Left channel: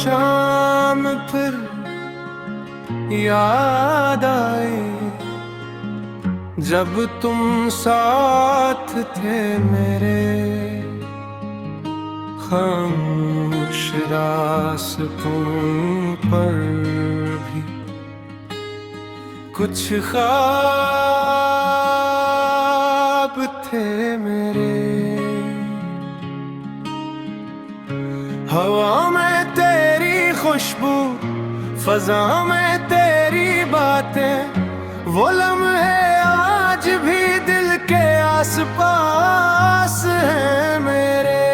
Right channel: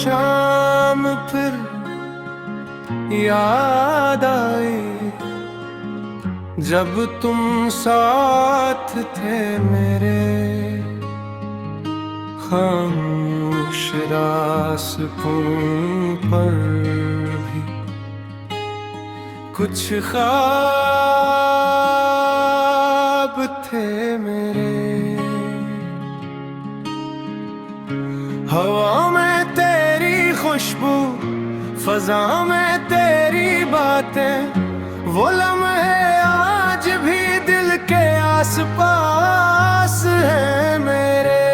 शाम फिर याद आए, जब तुम साथ थे मेरे। खामोश रास्तों पर भी कुछ ख्वाब थे मेरे। हवा में तेरी खुशबू, फजा में तेरी बातें, वो लम्हे आज भी दिल के आसपास हैं मेरे।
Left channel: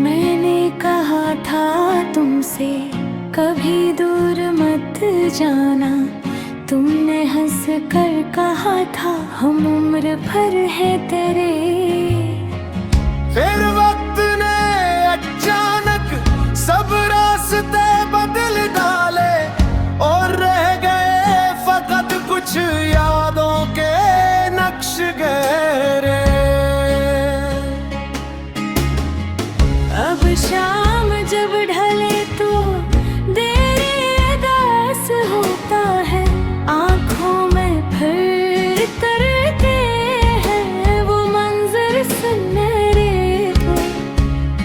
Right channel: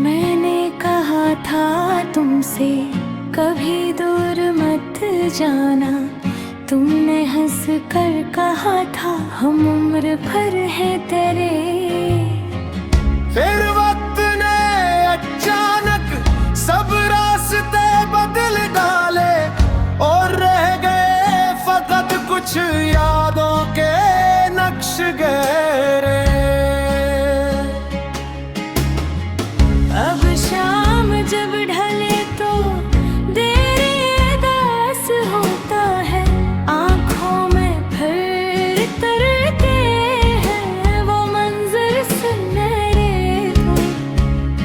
मैंने कहा था तुमसे कभी दूर मत जाना, तुमने हंस कर कहा था हम उम्र भर है तेरे। फिर वक्त ने अचानक सब रास्ते बदल डाले, और रह गए फकत कुछ यादों के नक्श गहरे। अब शाम जब ढले तो देरी अदास होता है, आँखों में फिर तरते हैं वो मंजर सुनहरे।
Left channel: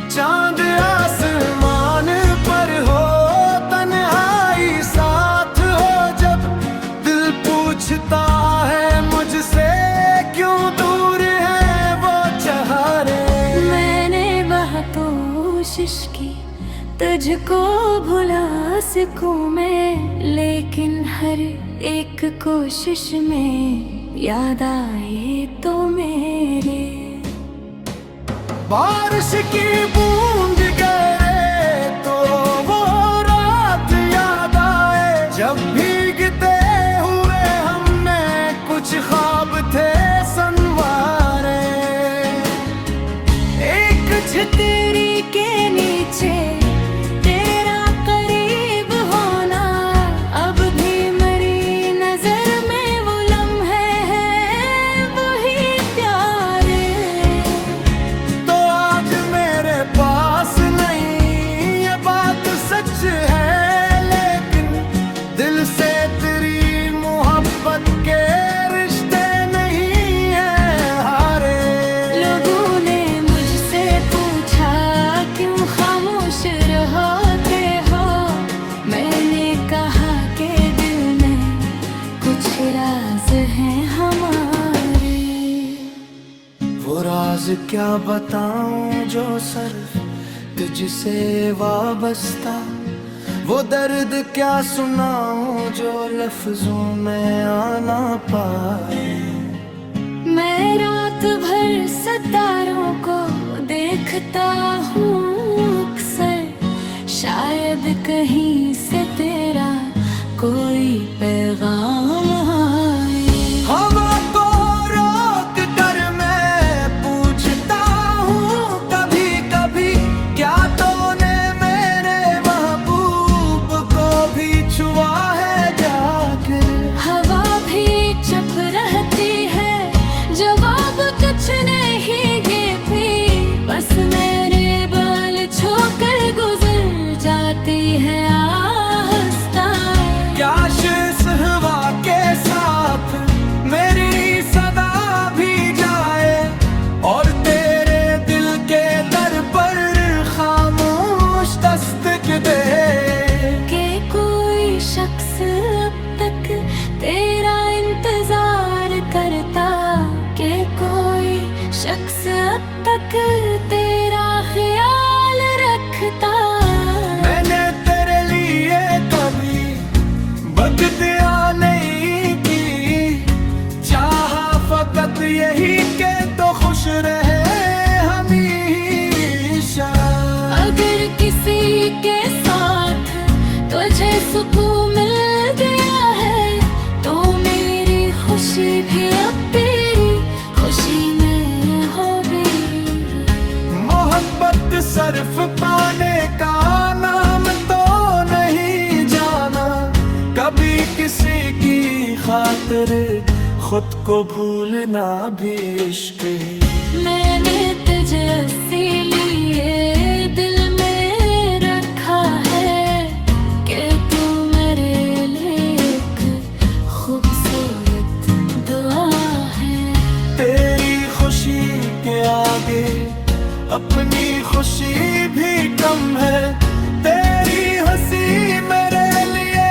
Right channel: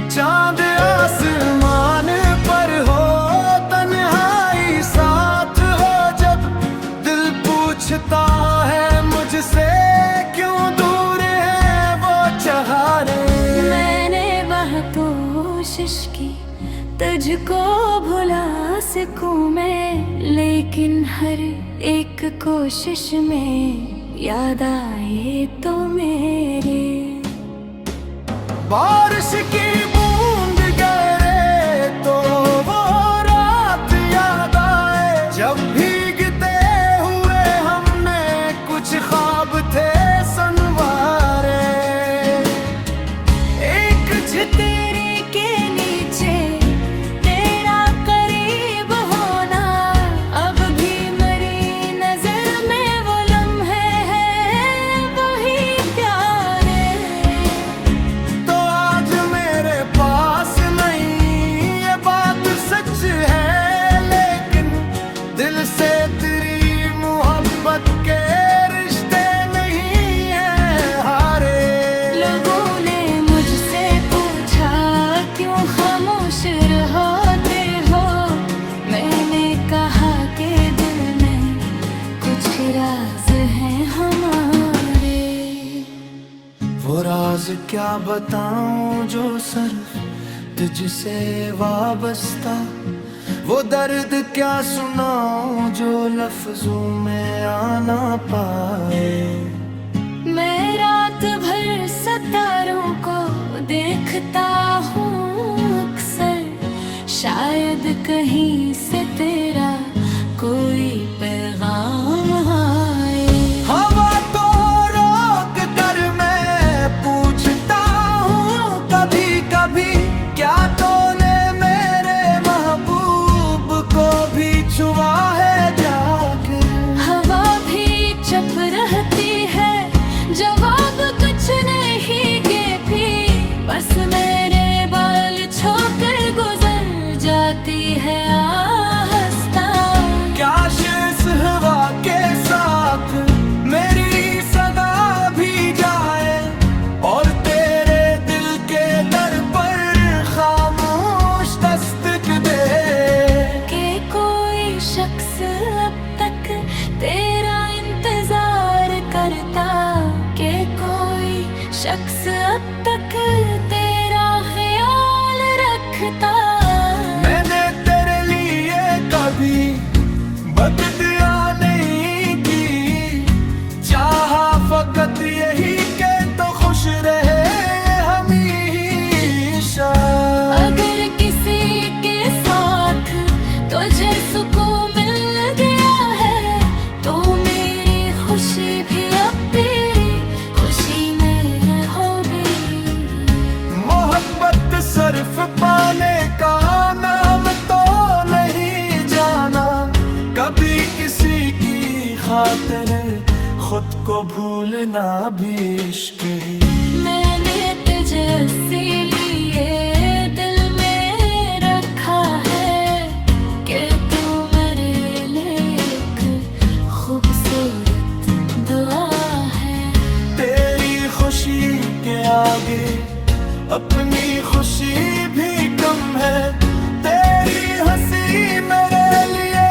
चांद आसमान पर हो, तन्हाई साथ हो, जब दिल पूछता है मुझसे क्यों दूर है वो चाहरे। मैंने बहुत कोशिश की तुझको भुला सकूं मैं, लेकिन हर एक कोशिश में याद आए तो मेरे। बारिश की बूंद गिरे तो वो रात याद आए, जब भीगते हुए हमने कुछ ख्वाब थे संवारे। एक छतरी के नीचे तेरा करीब होना, अब भी मेरी नजर में वो लम्हे हैं वही प्यारे। तो आज मेरे पास नहीं ये बात सच है, लेकिन दिल से तेरी मोहब्बत के रिश्ते नहीं है हारे। लोगों ने मुझसे पूछा क्यों खामोश रहते हो, मैंने कहा कि दिल में कुछ राज हैं हमारे। वो राज क्या बताऊं जो सिर्फ तुझसे वाबस्ता, वो दर्द क्या सुनाऊं जो लफ्जों में आना पाए। मैं रात भर सितारों को देखता हूँ अक्सर, शायद कहीं से तेरा कोई पैगाम आए। हवा को रोक कर मैं पूछता हूँ कभी कभी, क्या तूने मेरे महबूब को भी छुआ है जाकर। हवा भी चुप रहती है, जवाब कुछ नहीं गे बस मेरे बाल छोकर गुजर जाती है आहिस्ता। काश इस हवा के साथ मेरी सदा भी जाए, और तेरे दिल के दर पर खामोश दस्तक दे। कि कोई शख्स अब तक तेरा इंतजार करता, कि कोई शख्स अब तक तेरा ख्याल रखता। मैंने तेरे लिए कभी बददुआ नहीं की, चाहा फकत यही के तो खुश रहे हमेशा। अगर किसी के साथ तुझे सुकून मिल गया है, तो मेरी खुशी भी अब तेरी खुशी में होगी। मोहब्बत सिर्फ पाने का नाम तो नहीं जाना, कभी किसी की खातिर खुद को भूलना भी इश्क ही। मैंने तुझे इसीलिए दिल में रखा है कि तू मेरे लिए एक खूबसूरत दुआ है। तेरी खुशी के आगे अपनी खुशी भी कम है। तेरी हंसी मेरे लिए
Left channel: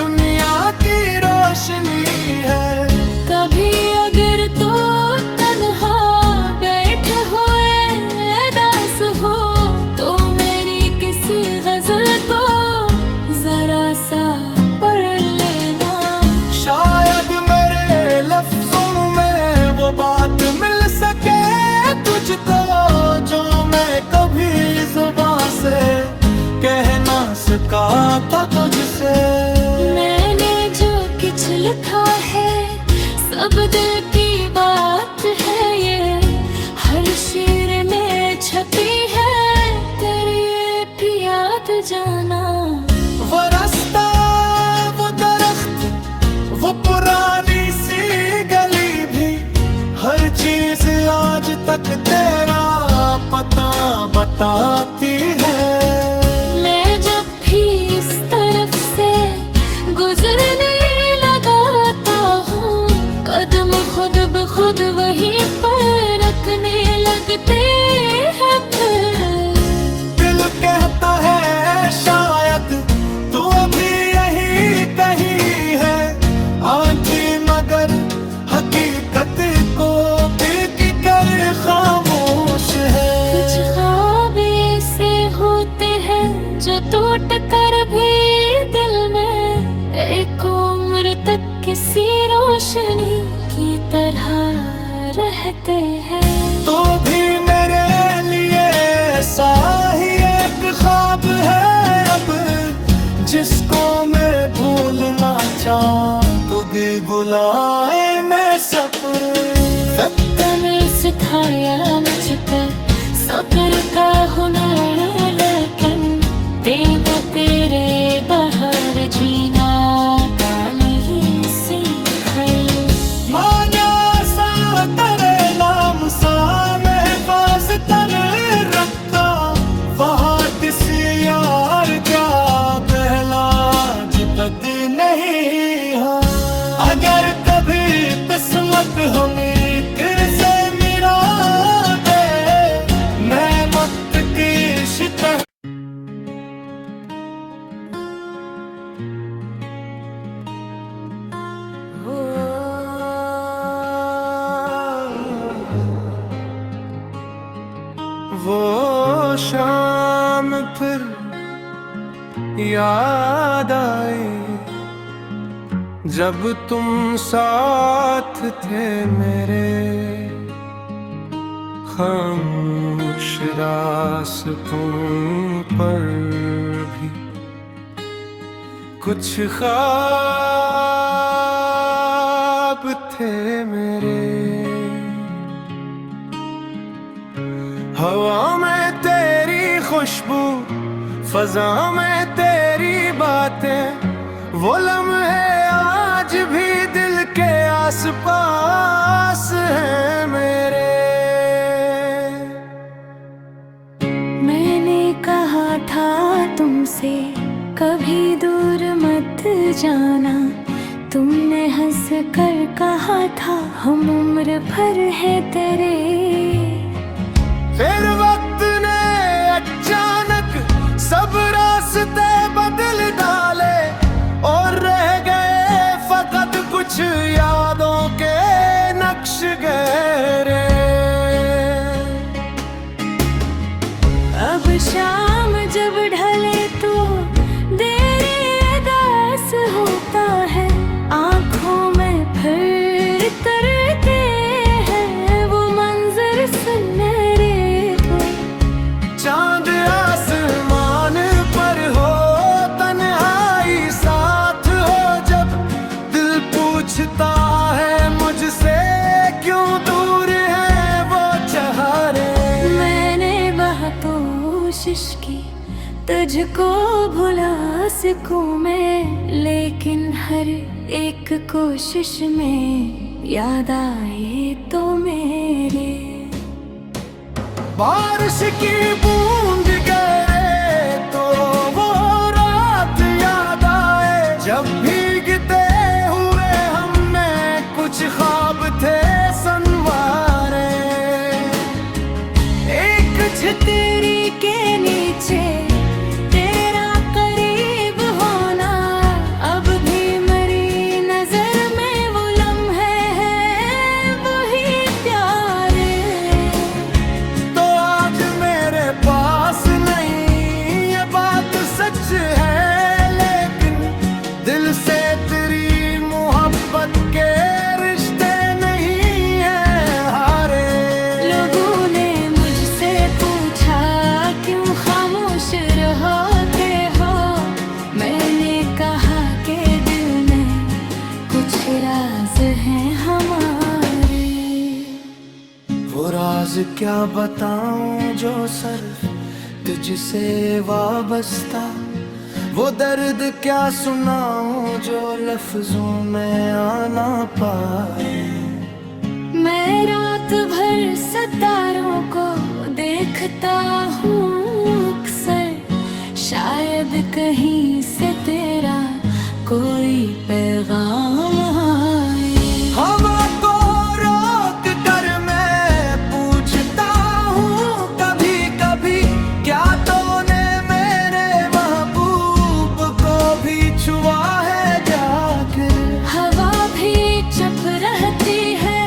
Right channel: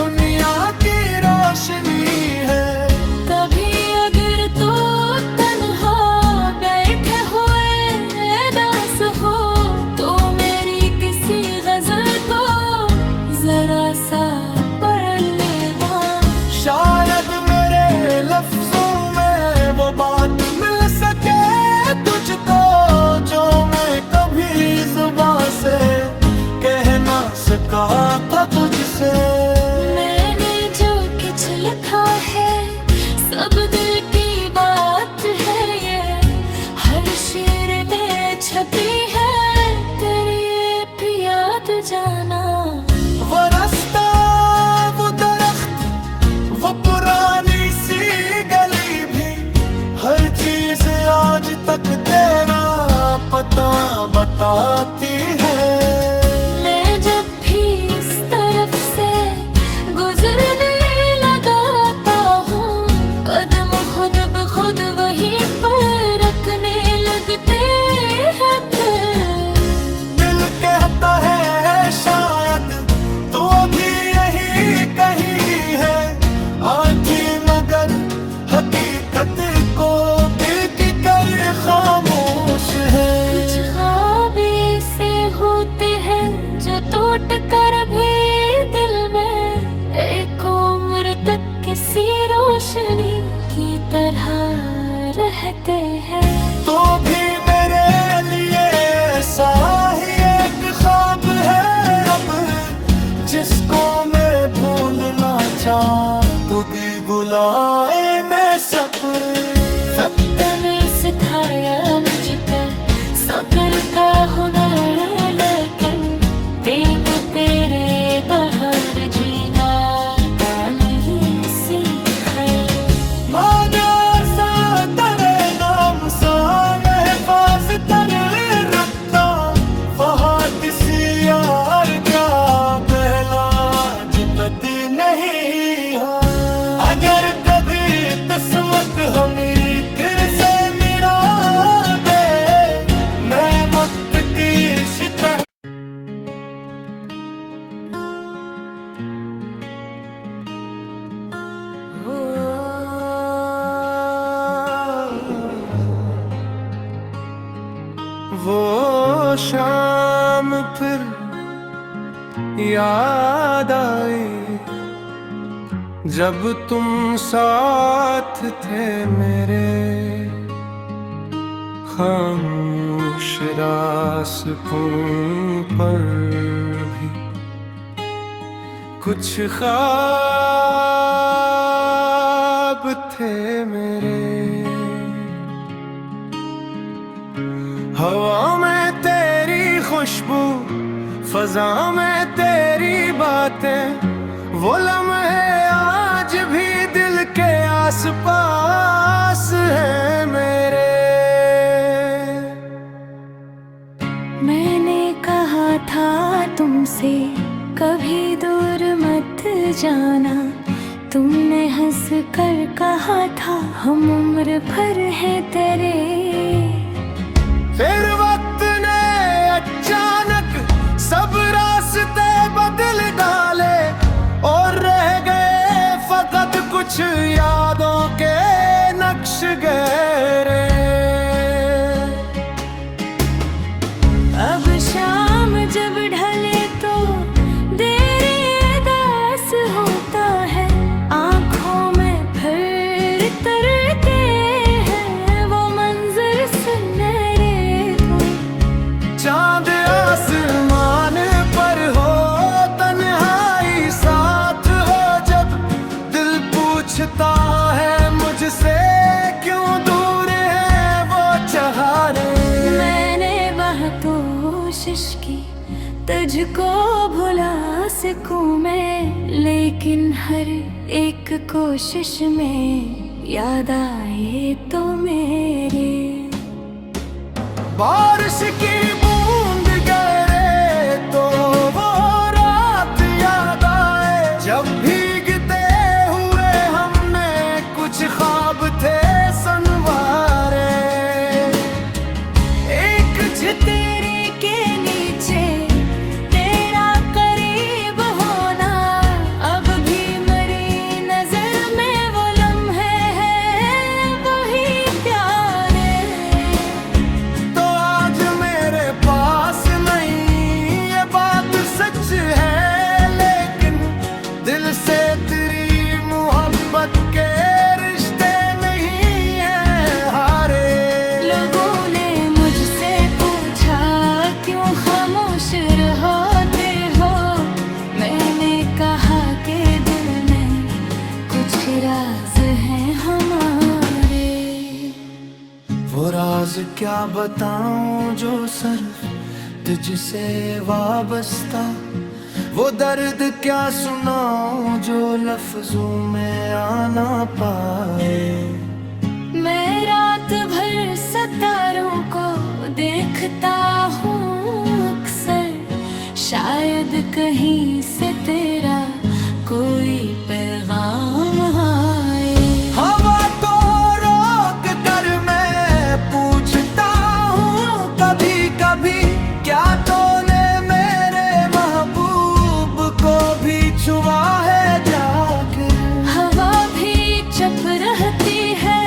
दुनिया की रोशनी है। कभी अगर तो तन्हा बैठे हुए दास हो तो मेरी किसी गजल को जरा सा पढ़ लेना। शायद मेरे लफ्जों में वो बात मिल सके तुझको जो मैं कभी जुबान से कह ना सका था तुझसे। मैंने जो कुछ लिखा है सब दिल की बात है। ये हर शेर में छपी है तेरी ये भी याद जाना। वो रास्ता वो दरख्त वो पुरानी सी गली भी हर चीज आज तक तेरा पता बताती है। मैं जब भी इस तरफ से गुजरने लगाता हूँ कदम खुद ब खुद वहीं पर रखने लगते हैं। फिर दिल कहता है शायद तू अभी यहीं कहीं है। आंखें मगर हकीकत को बीत कर खामोश है। कुछ ख्वाब ऐसे होते हैं जो टूट कर भी दिल में एक उम्र तक किसी रोशनी की तरह रहते हैं। तो भी मेरे लिए ऐसा ही एक ख्वाब है अब जिसको मैं भूलना चाहूं तो भी बुलाए मैं सब्र। वक्त ने सिखाया मुझ पर सब्र का हुनर लेकिन देख तेरे बाहर जीना का नहीं सीखा। माना सा करे नाम सा महफाज तर रखता फहाद सी यार क्या पहला जुबत नहीं। हाँ अगर कभी किस्मत हमें फिर से मिला दे मैं मुझ की शिकस्त। वो शाम फिर याद आई जब तुम साथ थे मेरे। खामोश रास्तों पर भी कुछ ख्वाब थे मेरे। हवा में तेरी खुशबू फजा में तेरी बातें वो लम्हे आज भी दिल के आसपास हैं मेरे। मैंने कहा था तुमसे कभी दूर मत जाना। तुमने हंस कर कहा था हम उम्र भर है तेरे। फिर वक्त ने अचानक सब रास्ते बदल डाले और रह गए फकत कुछ यादों के नक्श गहरे। अब शाम जब ढले तो देरी अदास होता है। आँखों में फिर तरते हैं वो मंजर सुनहरे। चांद आसमान पर हो तन्हाई साथ हो जब दिल पूछता है मुझसे क्यों दूर है वो चाहरे। मैंने बहुत कोशिश की तुझको भुला सकूं मैं लेकिन हर एक कोशिश में याद आए तो मेरे। बारिश की बूंद गिरे तो वो रात याद आए, जब भीगते हुए हमने कुछ ख्वाब थे संवारे। एक छतरी के नीचे तेरा करीब होना, अब भी मेरी नजर में वो लम्हे हैं वही प्यारे। तो आज मेरे पास नहीं ये बात सच है, लेकिन दिल से तेरी मोहब्बत के रिश्ते नहीं है हारे। लोगों ने मुझसे पूछा क्यों खामोश रहते हो, मैंने कहा कि दिल में कुछ राज हैं हमारे। वो राज क्या बताऊं जो सिर्फ तुझसे वाबस्ता, वो दर्द क्या सुनाऊं जो लफ्जों में आना पाए। मैं रात भर सितारों को देखता हूँ अक्सर, शायद कहीं से तेरा कोई पैगाम आए। हवा को रोक कर मैं पूछता हूँ कभी कभी, क्या तूने मेरे महबूब को भी छुआ है जाकर। हवा भी चुप रहती है,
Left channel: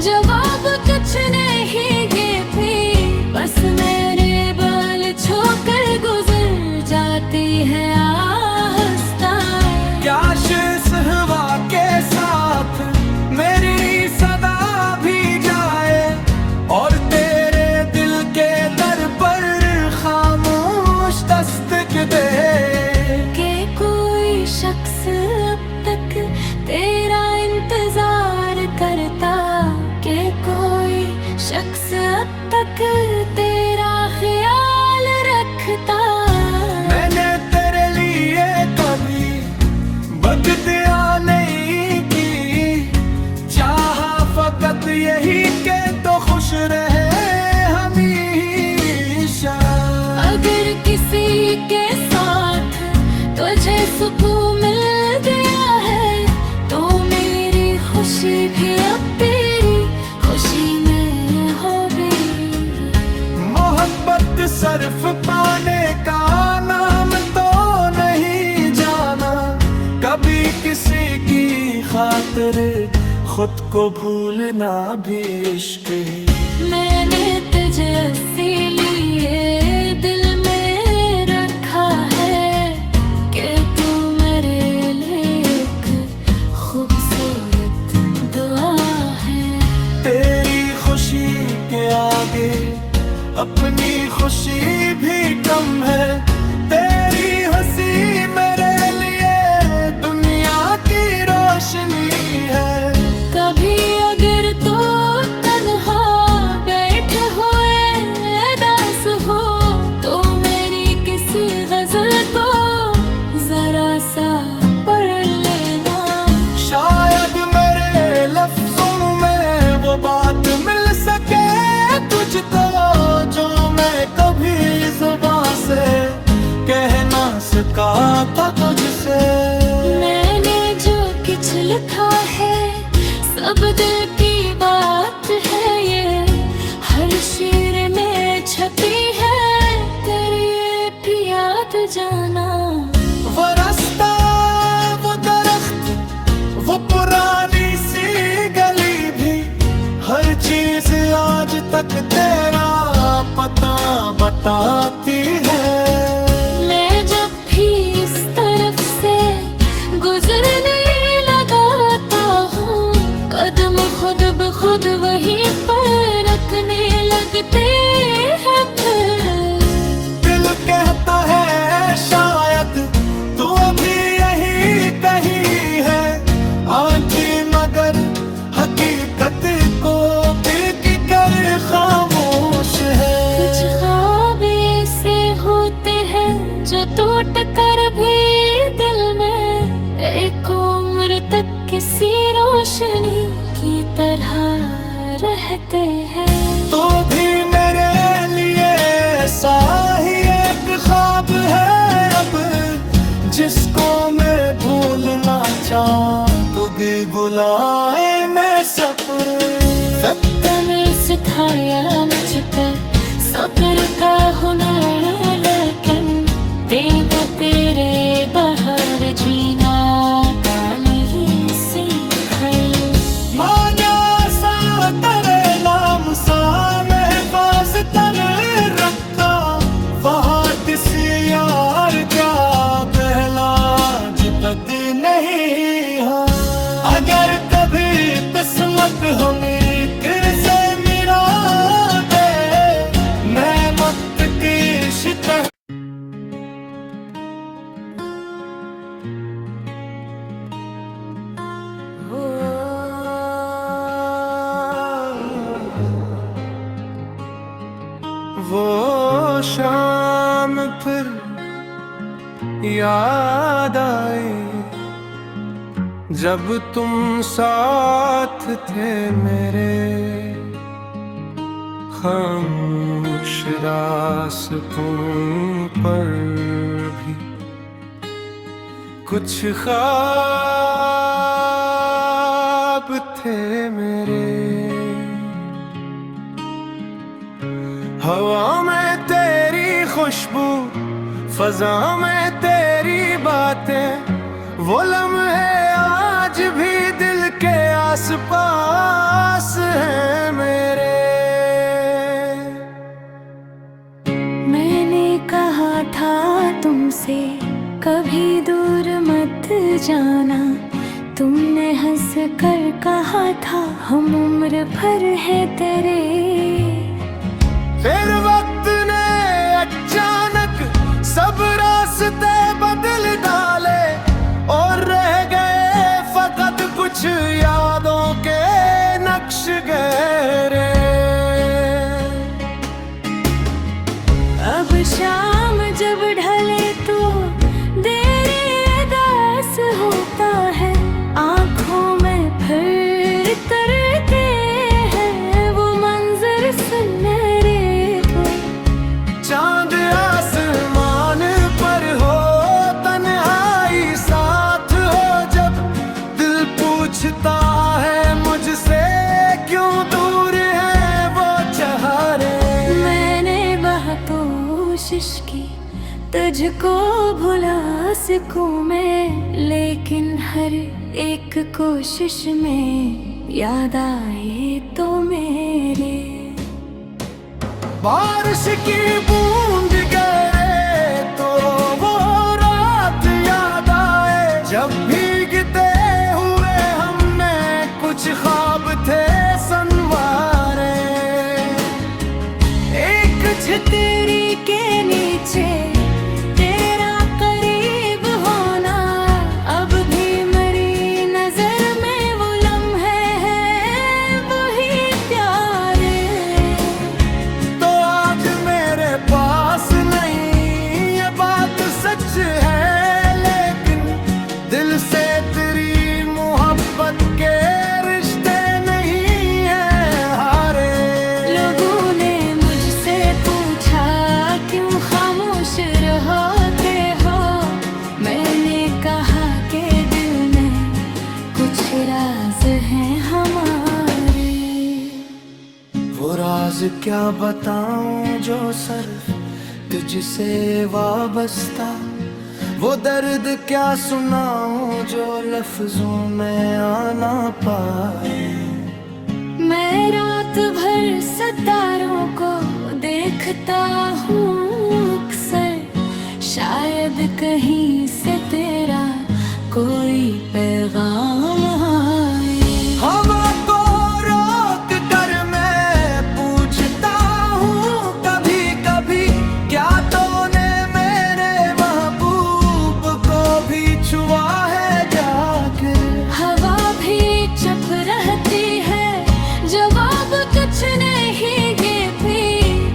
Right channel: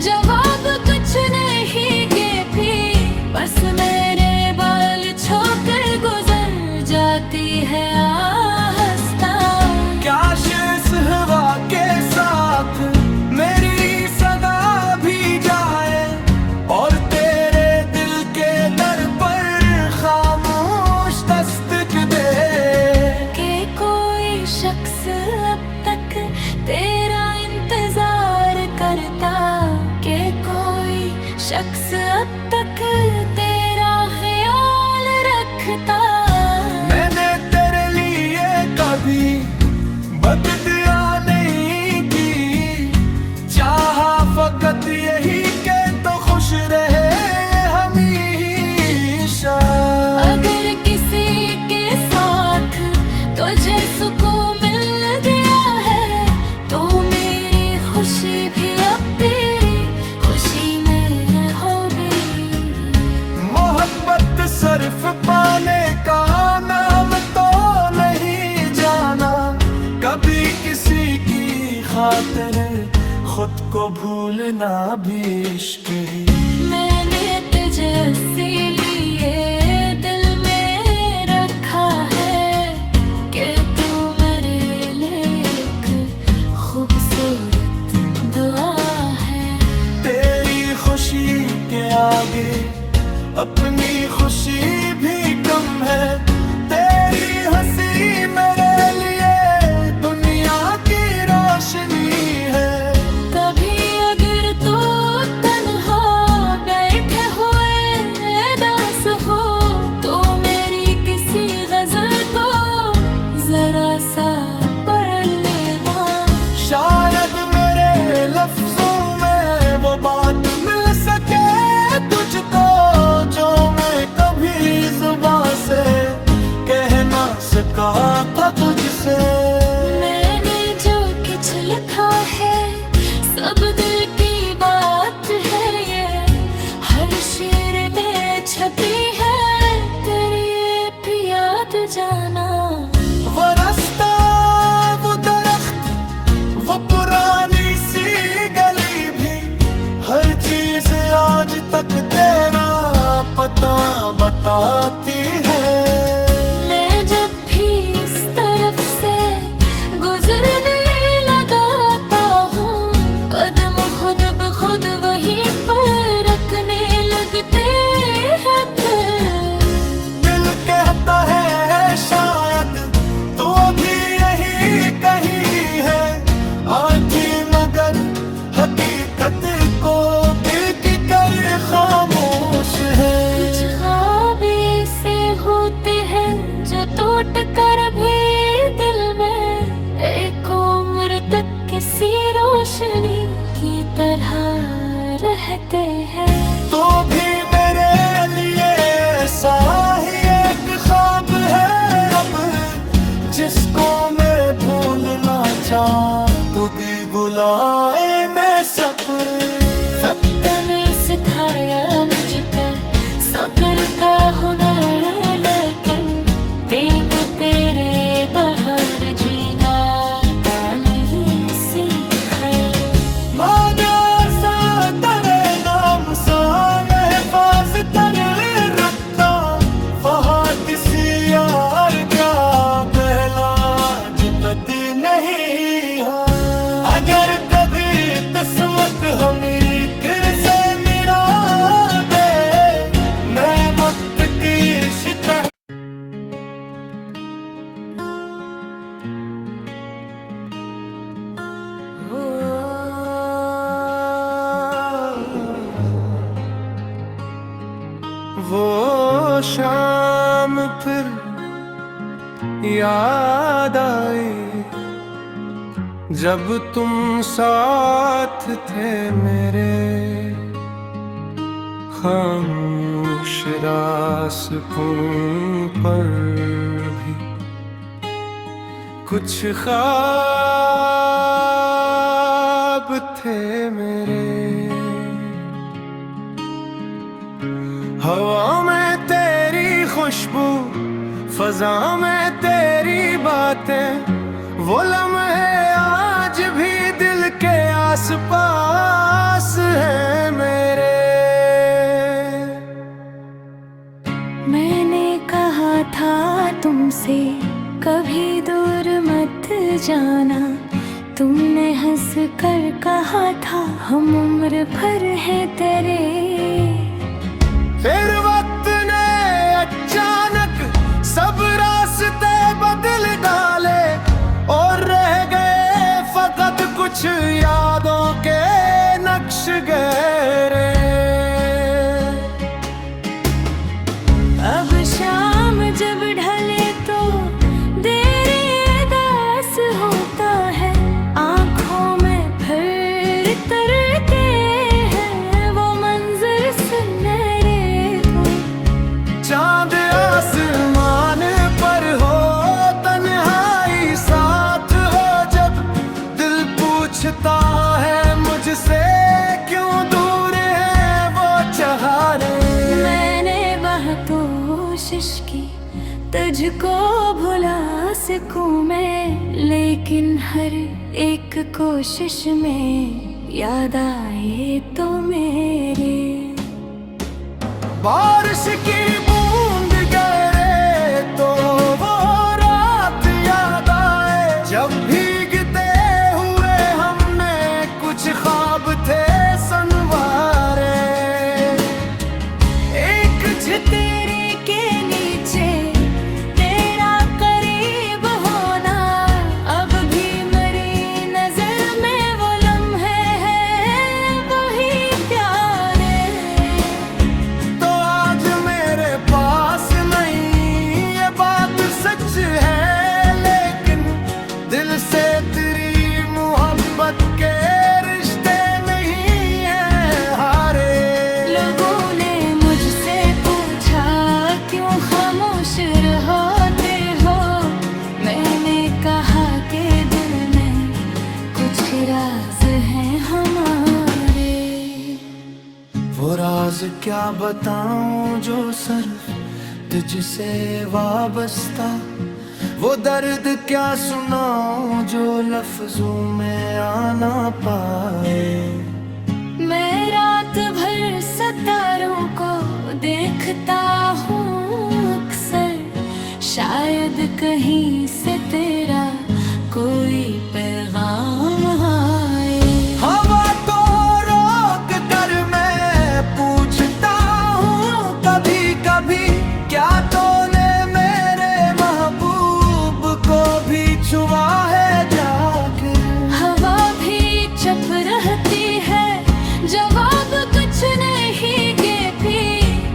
जवाब कुछ नहीं देती, बस मेरे बाल छोकर गुजर जाती है आहिस्ता। काश इस हवा के साथ मेरी सदा भी जाए, और तेरे दिल के दर पर खामोश दस्तक दे। कि कोई शख्स अब तक तेरा इंतजार करता, कि कोई शख्स अब तक तेरा ख्याल रखता। मैंने तेरे लिए कभी बददुआ नहीं की, चाहा फकत यही के तो खुश रहे हमेशा। अगर किसी के साथ तुझे सुकून मिल गया है, तो मेरी खुशी भी अब तेरी खुशी में होगी। मोहब्बत सिर्फ पाने का नाम तो नहीं जाना, कभी किसी की खातिर खुद को भूलना भी इश्क ही। मैंने तुझे इसीलिए दिल में रखा है कि तू मेरे लिए एक खूबसूरत दुआ है। तेरी खुशी के आगे अपनी खुशी भी कम है, तेरी हंसी मेरे लिए दुनिया की रोशनी है। कभी अगर तो तन्हा बैठे हुए दास हो, तो मेरी किसी गजल को जरा सा पढ़ लेना। शायद मेरे लफ्जों में वो बात मिल सके तुझको, जो मैं कभी जुबान से कह ना सका था तुझसे। मैंने जो कुछ लिखा है सब दिल की बात है, ये हर शेर में छपी है तेरी ये भी याद जाना। वो रास्ता, वो दरख्त, वो पुरानी सी गली भी, हर चीज आज तक तेरा पता बताती है। मैं जब भी इस तरफ से गुजरने लगाता हूँ, कदम खुद ब खुद वहीं पर रखने लगते हैं। फिर दिल कहता है शायद तू अभी यहीं कहीं है, आंखें मगर हकीकत को दिल की कर खामोश है। कुछ ख्वाब ऐसे होते हैं जो टूट कर भी दिल में एक उम्र तक किसी रोशनी की तरह रहते हैं। तो भी मेरे कभी बुलाए मैं सब्र वक्त ने सिखाया मुझको सब्र का हुनर, लेकिन देखो तेरे बहार जीना का नहीं सीखा। माया सा तेरे नाम सा महफाज तर रखता, फहद सी यार क्या पहला जुबत नहीं। हाँ अगर कभी किस्मत हमें फिर से मिला दे, मैं मुक्त की शिकस्त वो शाम फिर याद आई जब तुम साथ थे मेरे, खामोश रास्तों पर भी कुछ ख्वाब थे मेरे। हवा में तेरी खुशबू, फजा में तेरी बातें, वो लम्हे आज भी दिल के आसपास है मेरे। मैंने कहा था तुमसे कभी दूर मत जाना, तुमने हंस कर कहा था हम उम्र भर है तेरे। फिर वक्त ने अचानक सब रास्ते बदल डाले, और रह गए फकत कुछ यादों के नक्श गहरे। अब शाम जब ढले तो देरी अदास होता है, आँखों में फिर तरते हैं वो मंजर सुनहरे को। चांद आसमान पर हो, तन्हाई साथ हो जब, दिल पूछता है मुझसे क्यों दूर है वो चाहरे। मैंने बहुत कोशिश की तुझको भुला सकूं मैं, लेकिन हर एक कोशिश में याद आए तो मेरे। बारिश की बूंद गिरे तो वो रात याद आए, जब भीगते हुए हमने कुछ ख्वाब थे संवारे। एक छतरी के नीचे तेरा करीब होना, अब भी मेरी नजर में वो लम्हे हैं वही प्यारे। तो आज मेरे पास नहीं ये बात सच है, लेकिन दिल से तेरी मोहब्बत के रिश्ते नहीं है हारे। लोगों ने मुझसे पूछा क्यों खामोश रहते हो, मैंने कहा कि दिल में कुछ राज हैं हमारे। वो राज क्या बताऊं जो सिर्फ तुझसे वाबस्ता, वो दर्द क्या सुनाऊं जो लफ्जों में आना पाए। मैं रात भर सितारों को देखता हूँ अक्सर, शायद कहीं से तेरा कोई पैगाम आए। हवा को रोक कर मैं पूछता हूँ कभी कभी, क्या तूने मेरे महबूब को भी छुआ है जाकर। हवा भी चुप रहती है, जवाब कुछ नहीं देती,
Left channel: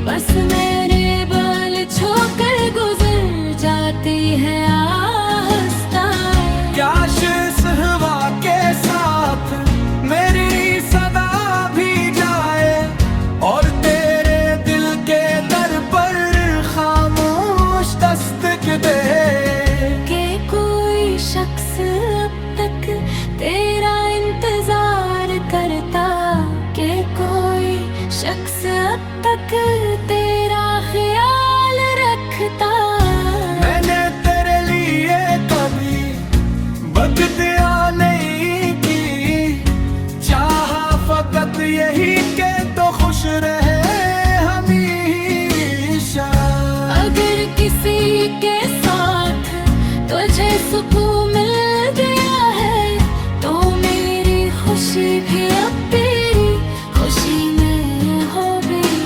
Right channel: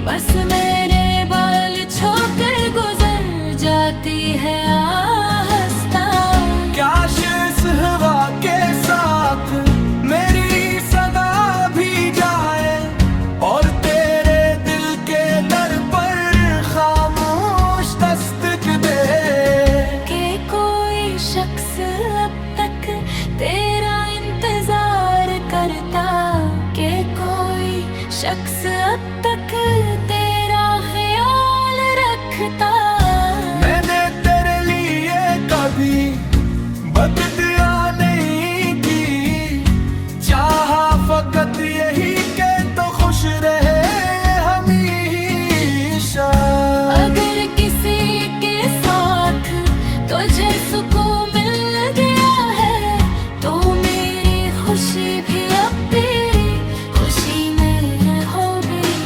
बस मेरे बाल छोकर गुजर जाती है आहिस्ता। क्या शेष शायद यही के तो खुश रहे हमेशा। अगर किसी के साथ तुझे सुकून मिल गया है तो मेरी खुशी भी अब तेरी खुशी में होगी।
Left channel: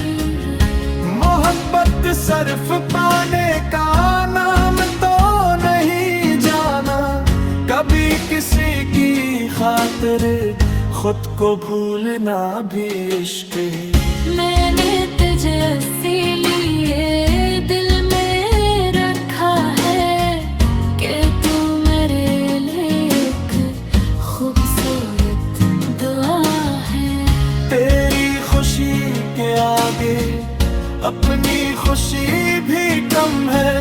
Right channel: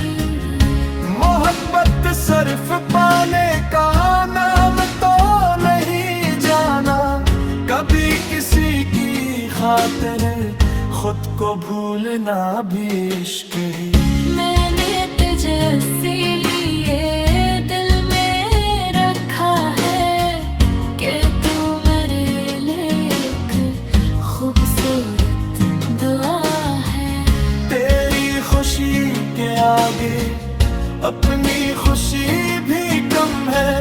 मोहब्बत सिर्फ पाने का नाम तो नहीं जाना, कभी किसी की खातिर खुद को भूलना भी इश्क ही। मैंने तुझे इसीलिए दिल में रखा है कि तू मेरे लिए एक खूबसूरत दुआ है। तेरी खुशी के आगे अपनी खुशी भी कम है,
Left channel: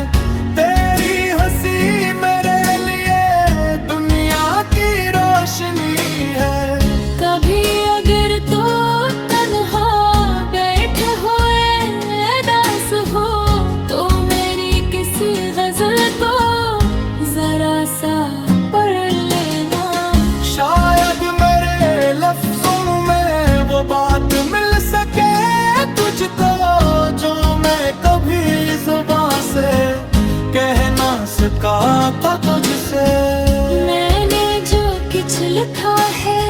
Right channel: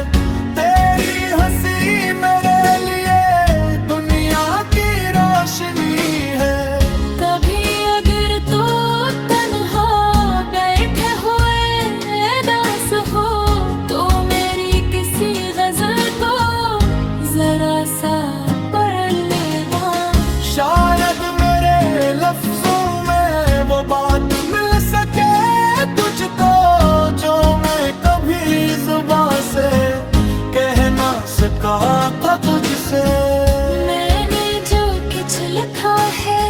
तेरी हंसी मेरे लिए दुनिया की रोशनी है। कभी अगर तू तन्हा बैठे हुए दास हो तो मेरी किसी गजल को जरा सा पढ़ लेना। शायद मेरे लफ्जों में वो बात मिल सके तुझको जो मैं कभी जुबान से कह ना सका था तुझसे। मैंने जो कुछ लिखा है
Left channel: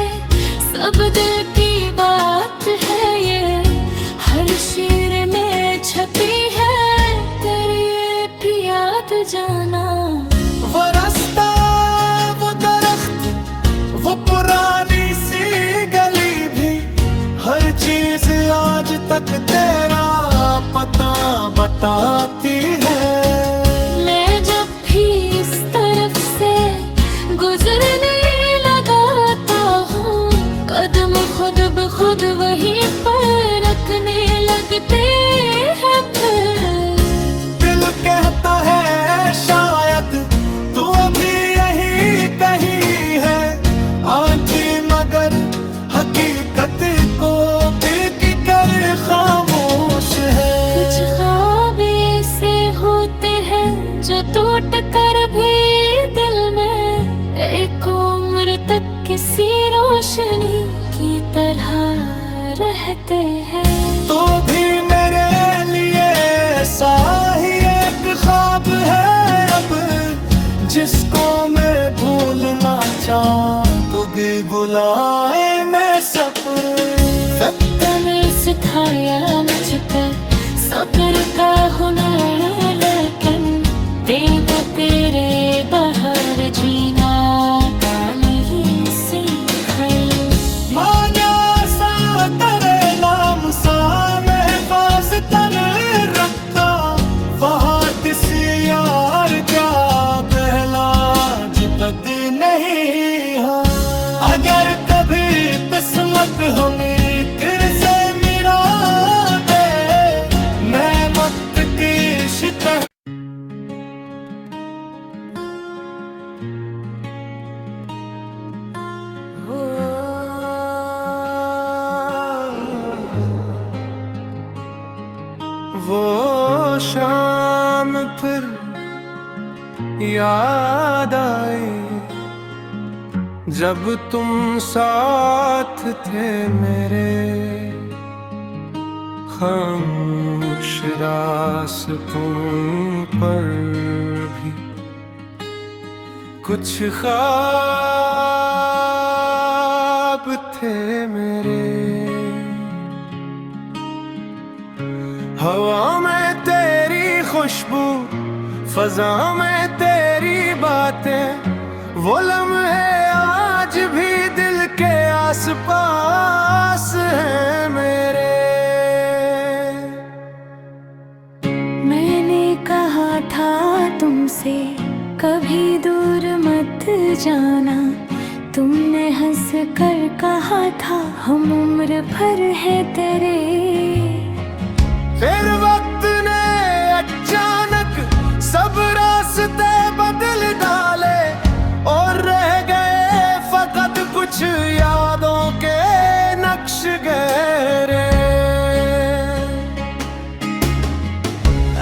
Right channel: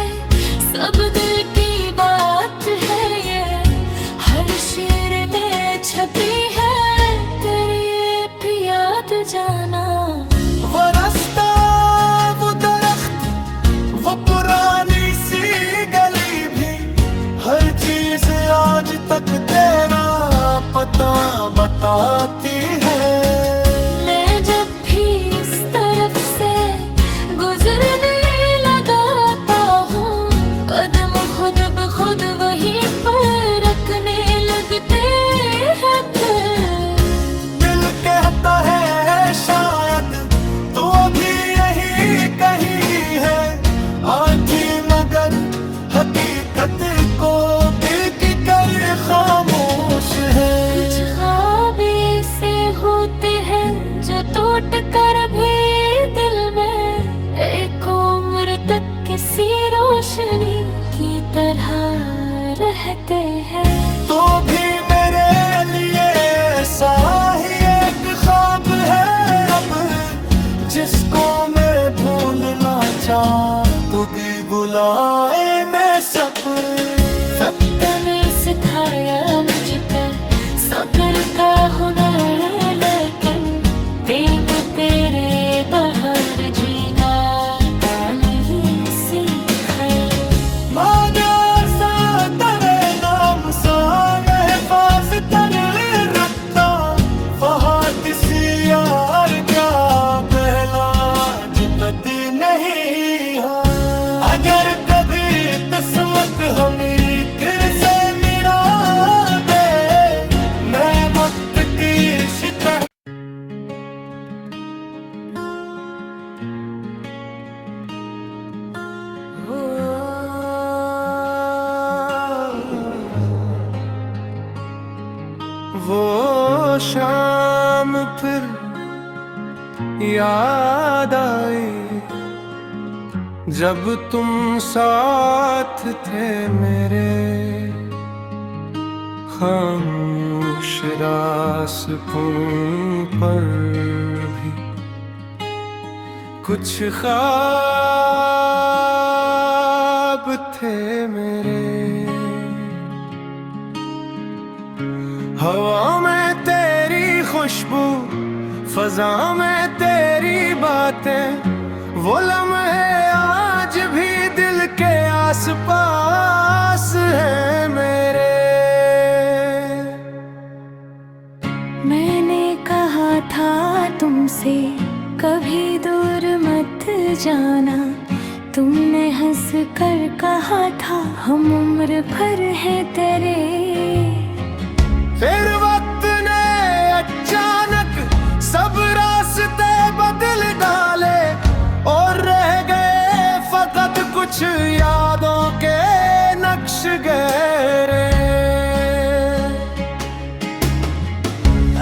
सब दिल की बात है, ये हर शेर में छपी है तेरी ये भी याद जाना। वो रास्ता, वो दरख्त, वो पुरानी सी गली भी, हर चीज आज तक तेरा पता बताती है। मैं जब भी इस तरफ से गुजरने लगाता हूँ कदम खुद ब खुद वहीं पर रखने लगते हैं। फिर दिल कहता है शायद तू अभी यहीं कहीं है, आंखें मगर हकीकत को दिल की कर खामोश है। कुछ ख्वाब ऐसे होते हैं जो टूट कर भी दिल में एक उम्र तक किसी रोशनी की तरह रहते हैं। तो भी मेरे लिए ऐसा ही एक ख्वाब है अब, जिसको मैं भूलना चाहूं तू भी बुलाए मैं सब्र। तूने सिखाया मुझ पर सब्र का हुनर, लेकिन देखा तेरे बहार जीना का नहीं सीखा। मान्या सा तेरे नाम सा महफाज तर रखता, फहाद सी यार क्या पहला जुबत नहीं। हाँ अगर कभी किस्मत हमें फिर से मिला दे, मैं मुझ की शिकस्त वो शाम फिर याद आई जब तुम साथ थे मेरे, खामोश रास्तों पर भी कुछ ख्वाब थे मेरे। हवा में तेरी खुशबू, फजा में तेरी बातें, वो लम्हे आज भी दिल के आसपास हैं मेरे। मैंने कहा था तुमसे कभी दूर मत जाना, तुमने हंस कर कहा था हम उम्र भर है तेरे। फिर वक्त ने अचानक सब रास्ते बदल डाले और रह गए फकत कुछ यादों के नक्श गहरे।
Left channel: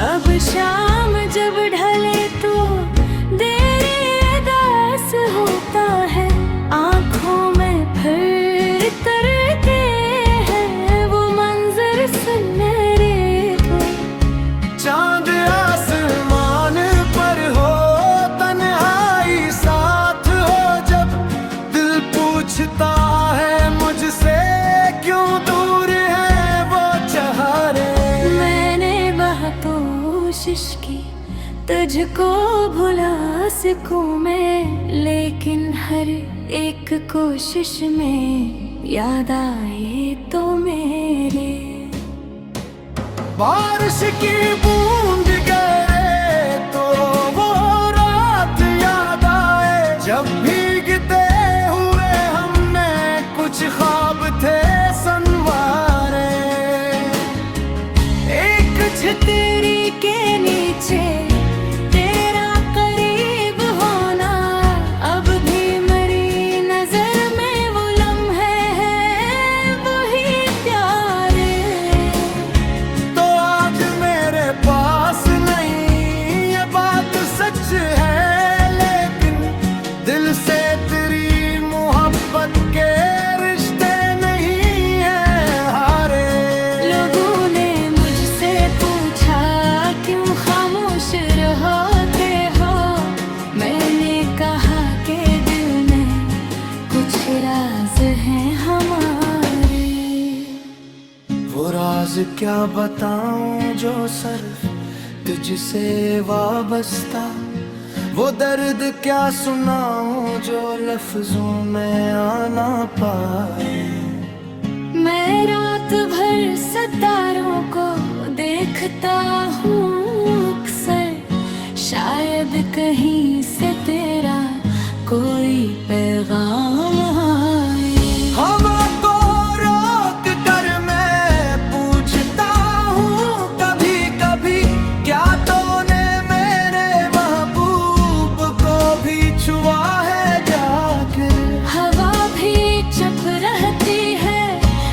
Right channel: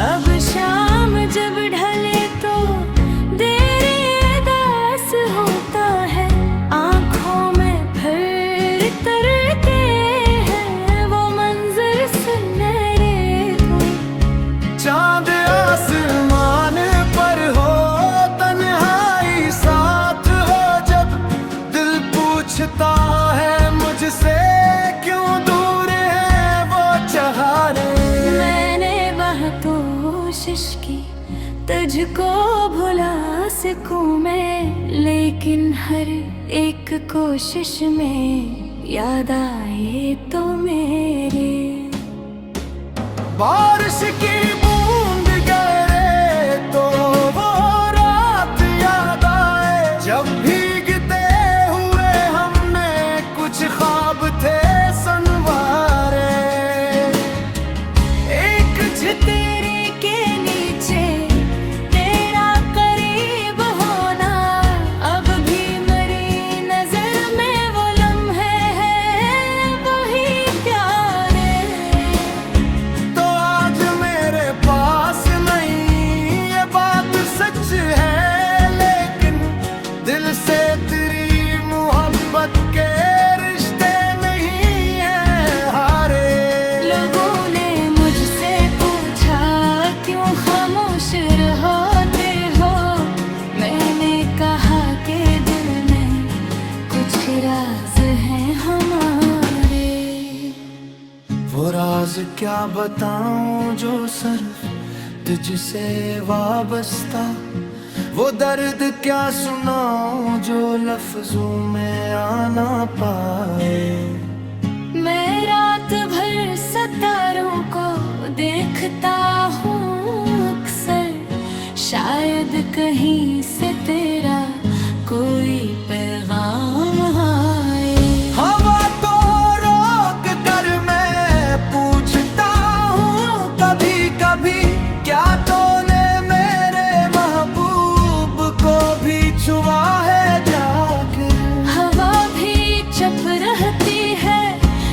अब शाम जब ढले तो देरी अदास होता है, आँखों में फिर तरते कोशिश की तुझको भुला सकूं मैं, लेकिन हर एक कोशिश में याद आए तो मेरे। बारिश की बूंद गिरे तो वो रात याद आए, जब भीगते हुए हमने कुछ ख्वाब थे संवारे। एक छतरी के नीचे तेरा करीब होना, अब भी मेरी नजर में वो लम्हे हैं वही प्यारे। तो आज मेरे पास नहीं ये बात सच है, लेकिन दिल से तेरी मोहब्बत के रिश्ते नहीं है हारे। लोगों ने मुझसे पूछा क्यों खामोश रहते हो, मैंने कहा कि दिल में कुछ राज हैं हमारे। वो राज क्या बताऊं जो सिर्फ तुझसे वाबस्ता, वो दर्द क्या सुनाऊं जो लफ्जों में आना पाए। मैं रात भर सितारों को देखता हूँ अक्सर, शायद कहीं से तेरा कोई पैगाम आए। हवा को रोक कर मैं पूछता हूँ कभी कभी, क्या तूने मेरे महबूब को भी छुआ है जाकर। हवा भी चुप रहती है,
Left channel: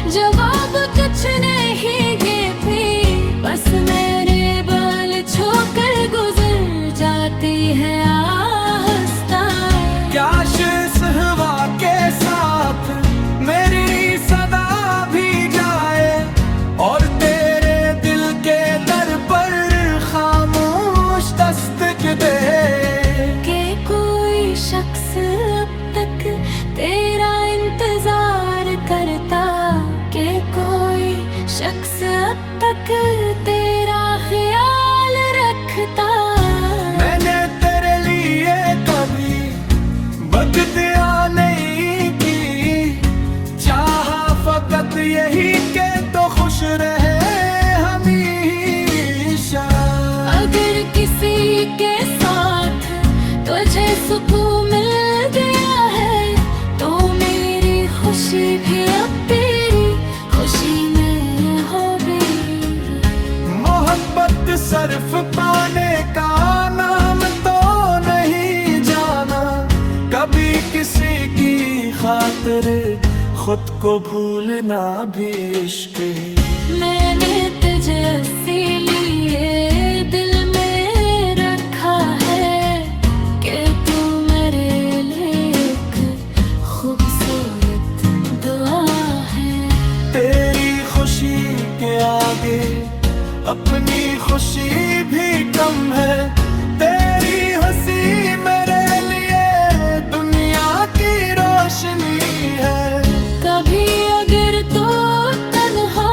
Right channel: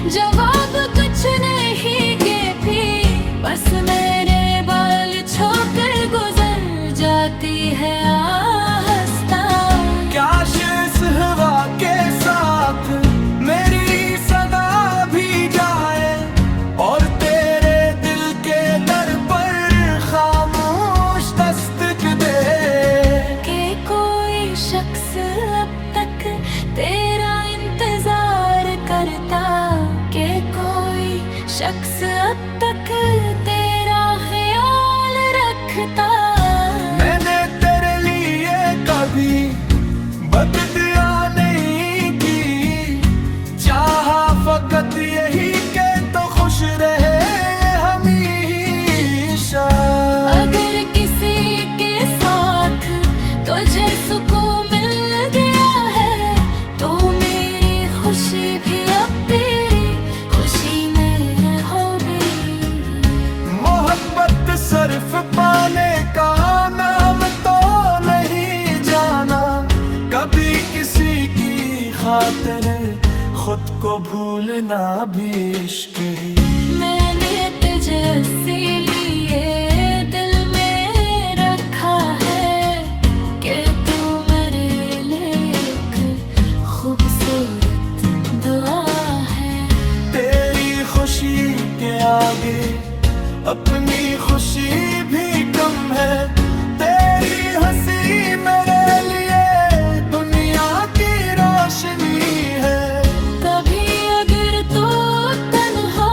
जवाब कुछ नहीं देती, बस मेरे बाल छोकर गुजर जाती है आहिस्ता। काश इस हवा के साथ मेरी सदा भी जाए, और तेरे दिल के दर पर खामोश दस्तक दे। कि कोई शख्स अब तक तेरा इंतजार करता, कि कोई शख्स अब तक तेरा ख्याल रखता। मैंने तेरे लिए कभी बददुआ नहीं की, चाहा फकत यही के तो खुश रहे हमेशा। अगर किसी के साथ तुझे सुकून मिल गया है, तो मेरी खुशी भी अब तेरी खुशी में होगी। मोहब्बत सिर्फ पाने का नाम तो नहीं जाना, कभी किसी की खातिर खुद को भूलना भी इश्क ही। मैंने तुझे इसीलिए दिल में रखा है कि तू मेरे लिए एक खूबसूरत दुआ है। तेरी खुशी के आगे अपनी खुशी भी कम है, तेरी हंसी मेरे लिए दुनिया की रोशनी है। कभी अगर तो तन्हा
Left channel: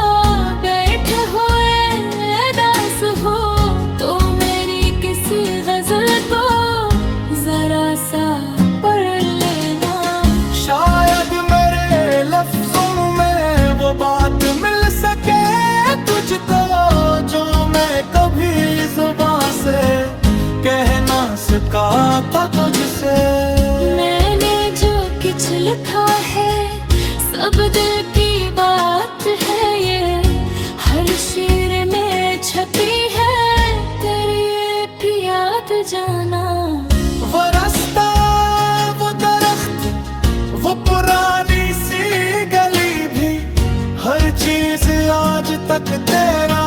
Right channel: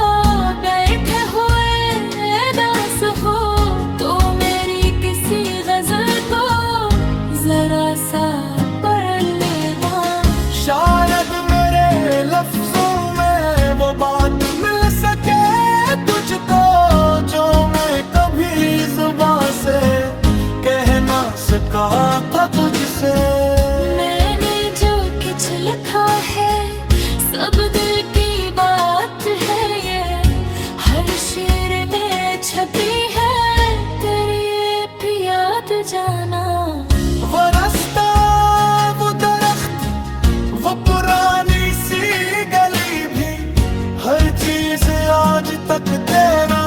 बैठे हुए दास हो, तो मेरी किसी गजल को जरा सा पढ़ लेना। शायद मेरे लफ्जों में वो बात मिल सके तुझको, जो मैं कभी जुबान से कह ना सका था तुझसे। मैंने जो कुछ लिखा है सब दिल की बात है, ये हर शेर में छपी है तेरी ये भी याद जाना। वो रास्ता, वो दरख्त, वो पुरानी सी गली भी, हर चीज आज तक तेरा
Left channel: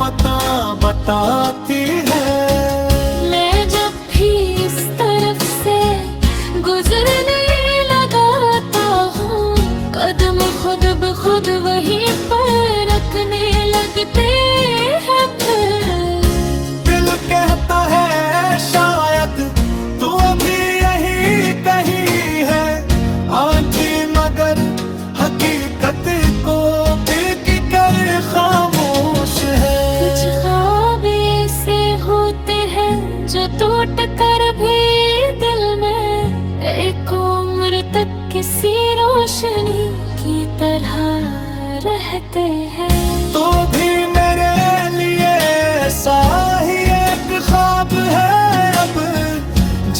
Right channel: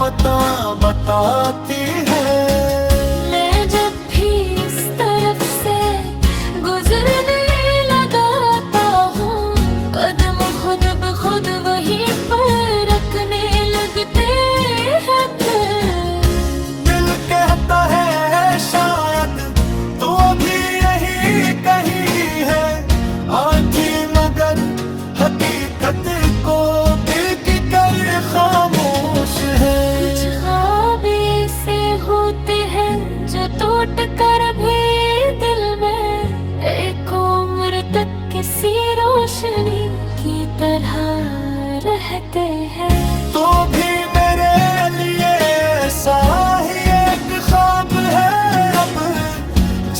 पता बताती है। मैं जब भी इस तरफ से गुजरने लगाता हूँ, कदम खुद ब खुद वहीं पर रखने लगते हैं फिर। दिल कहता है शायद तू अभी यहीं कहीं है, आंखें मगर हकीकत को दिल की कर खामोश है। कुछ ख्वाब ऐसे पर भी दिल में एक उम्र तक किसी रोशनी की तरह रहते हैं। तो भी मेरे लिए ऐसा ही एक ख्वाब है अब,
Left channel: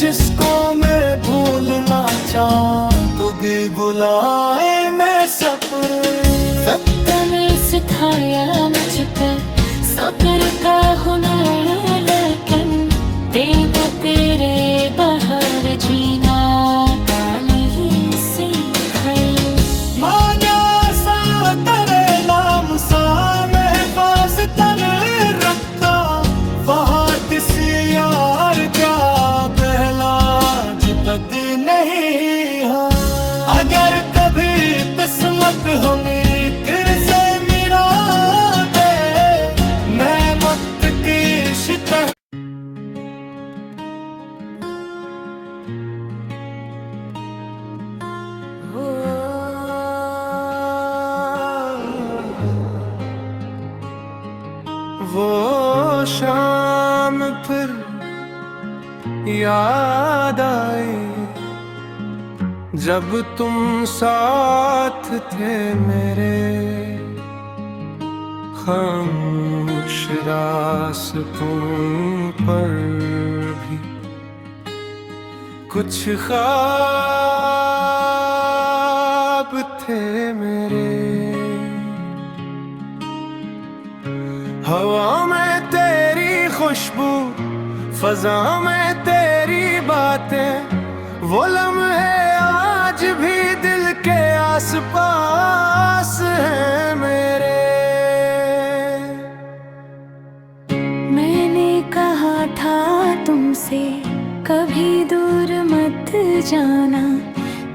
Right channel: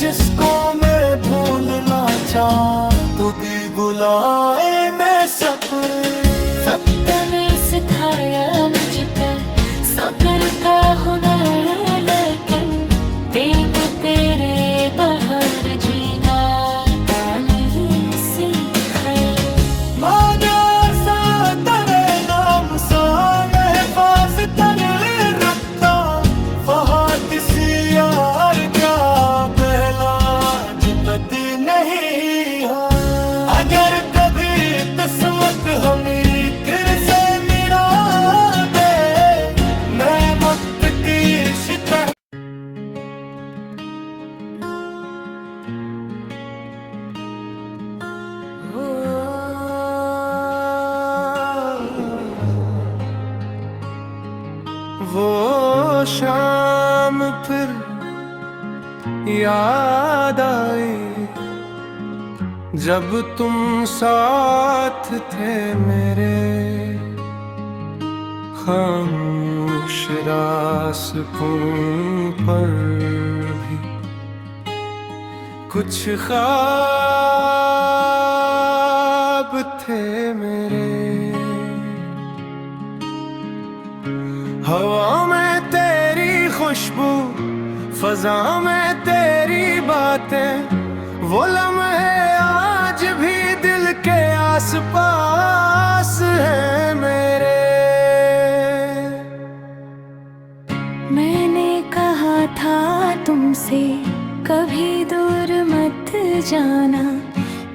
जिसको मैं भूलना चाहूं तो भी बुलाए मैं सब्र। वक्त ने सिखाया मुझ पे सब्र का हुनर, लेकिन देखो तेरे बहार जीना नहीं सीखा। माना सा करे नाम सा महफाज तर रखता, फहाद सी यार क्या पहला जिबत नहीं। हाँ अगर कभी किस्मत हमें फिर से मिला दे, मैं मुझ की शिकस्त वो शाम फिर याद आई जब तुम साथ थे मेरे, खामोश रास्तों पर भी कुछ ख्वाब थे मेरे। हवा में तेरी खुशबू, फजा में तेरी बातें, वो लम्हे आज भी दिल के आसपास हैं मेरे। मैंने कहा था तुमसे कभी दूर मत जाना,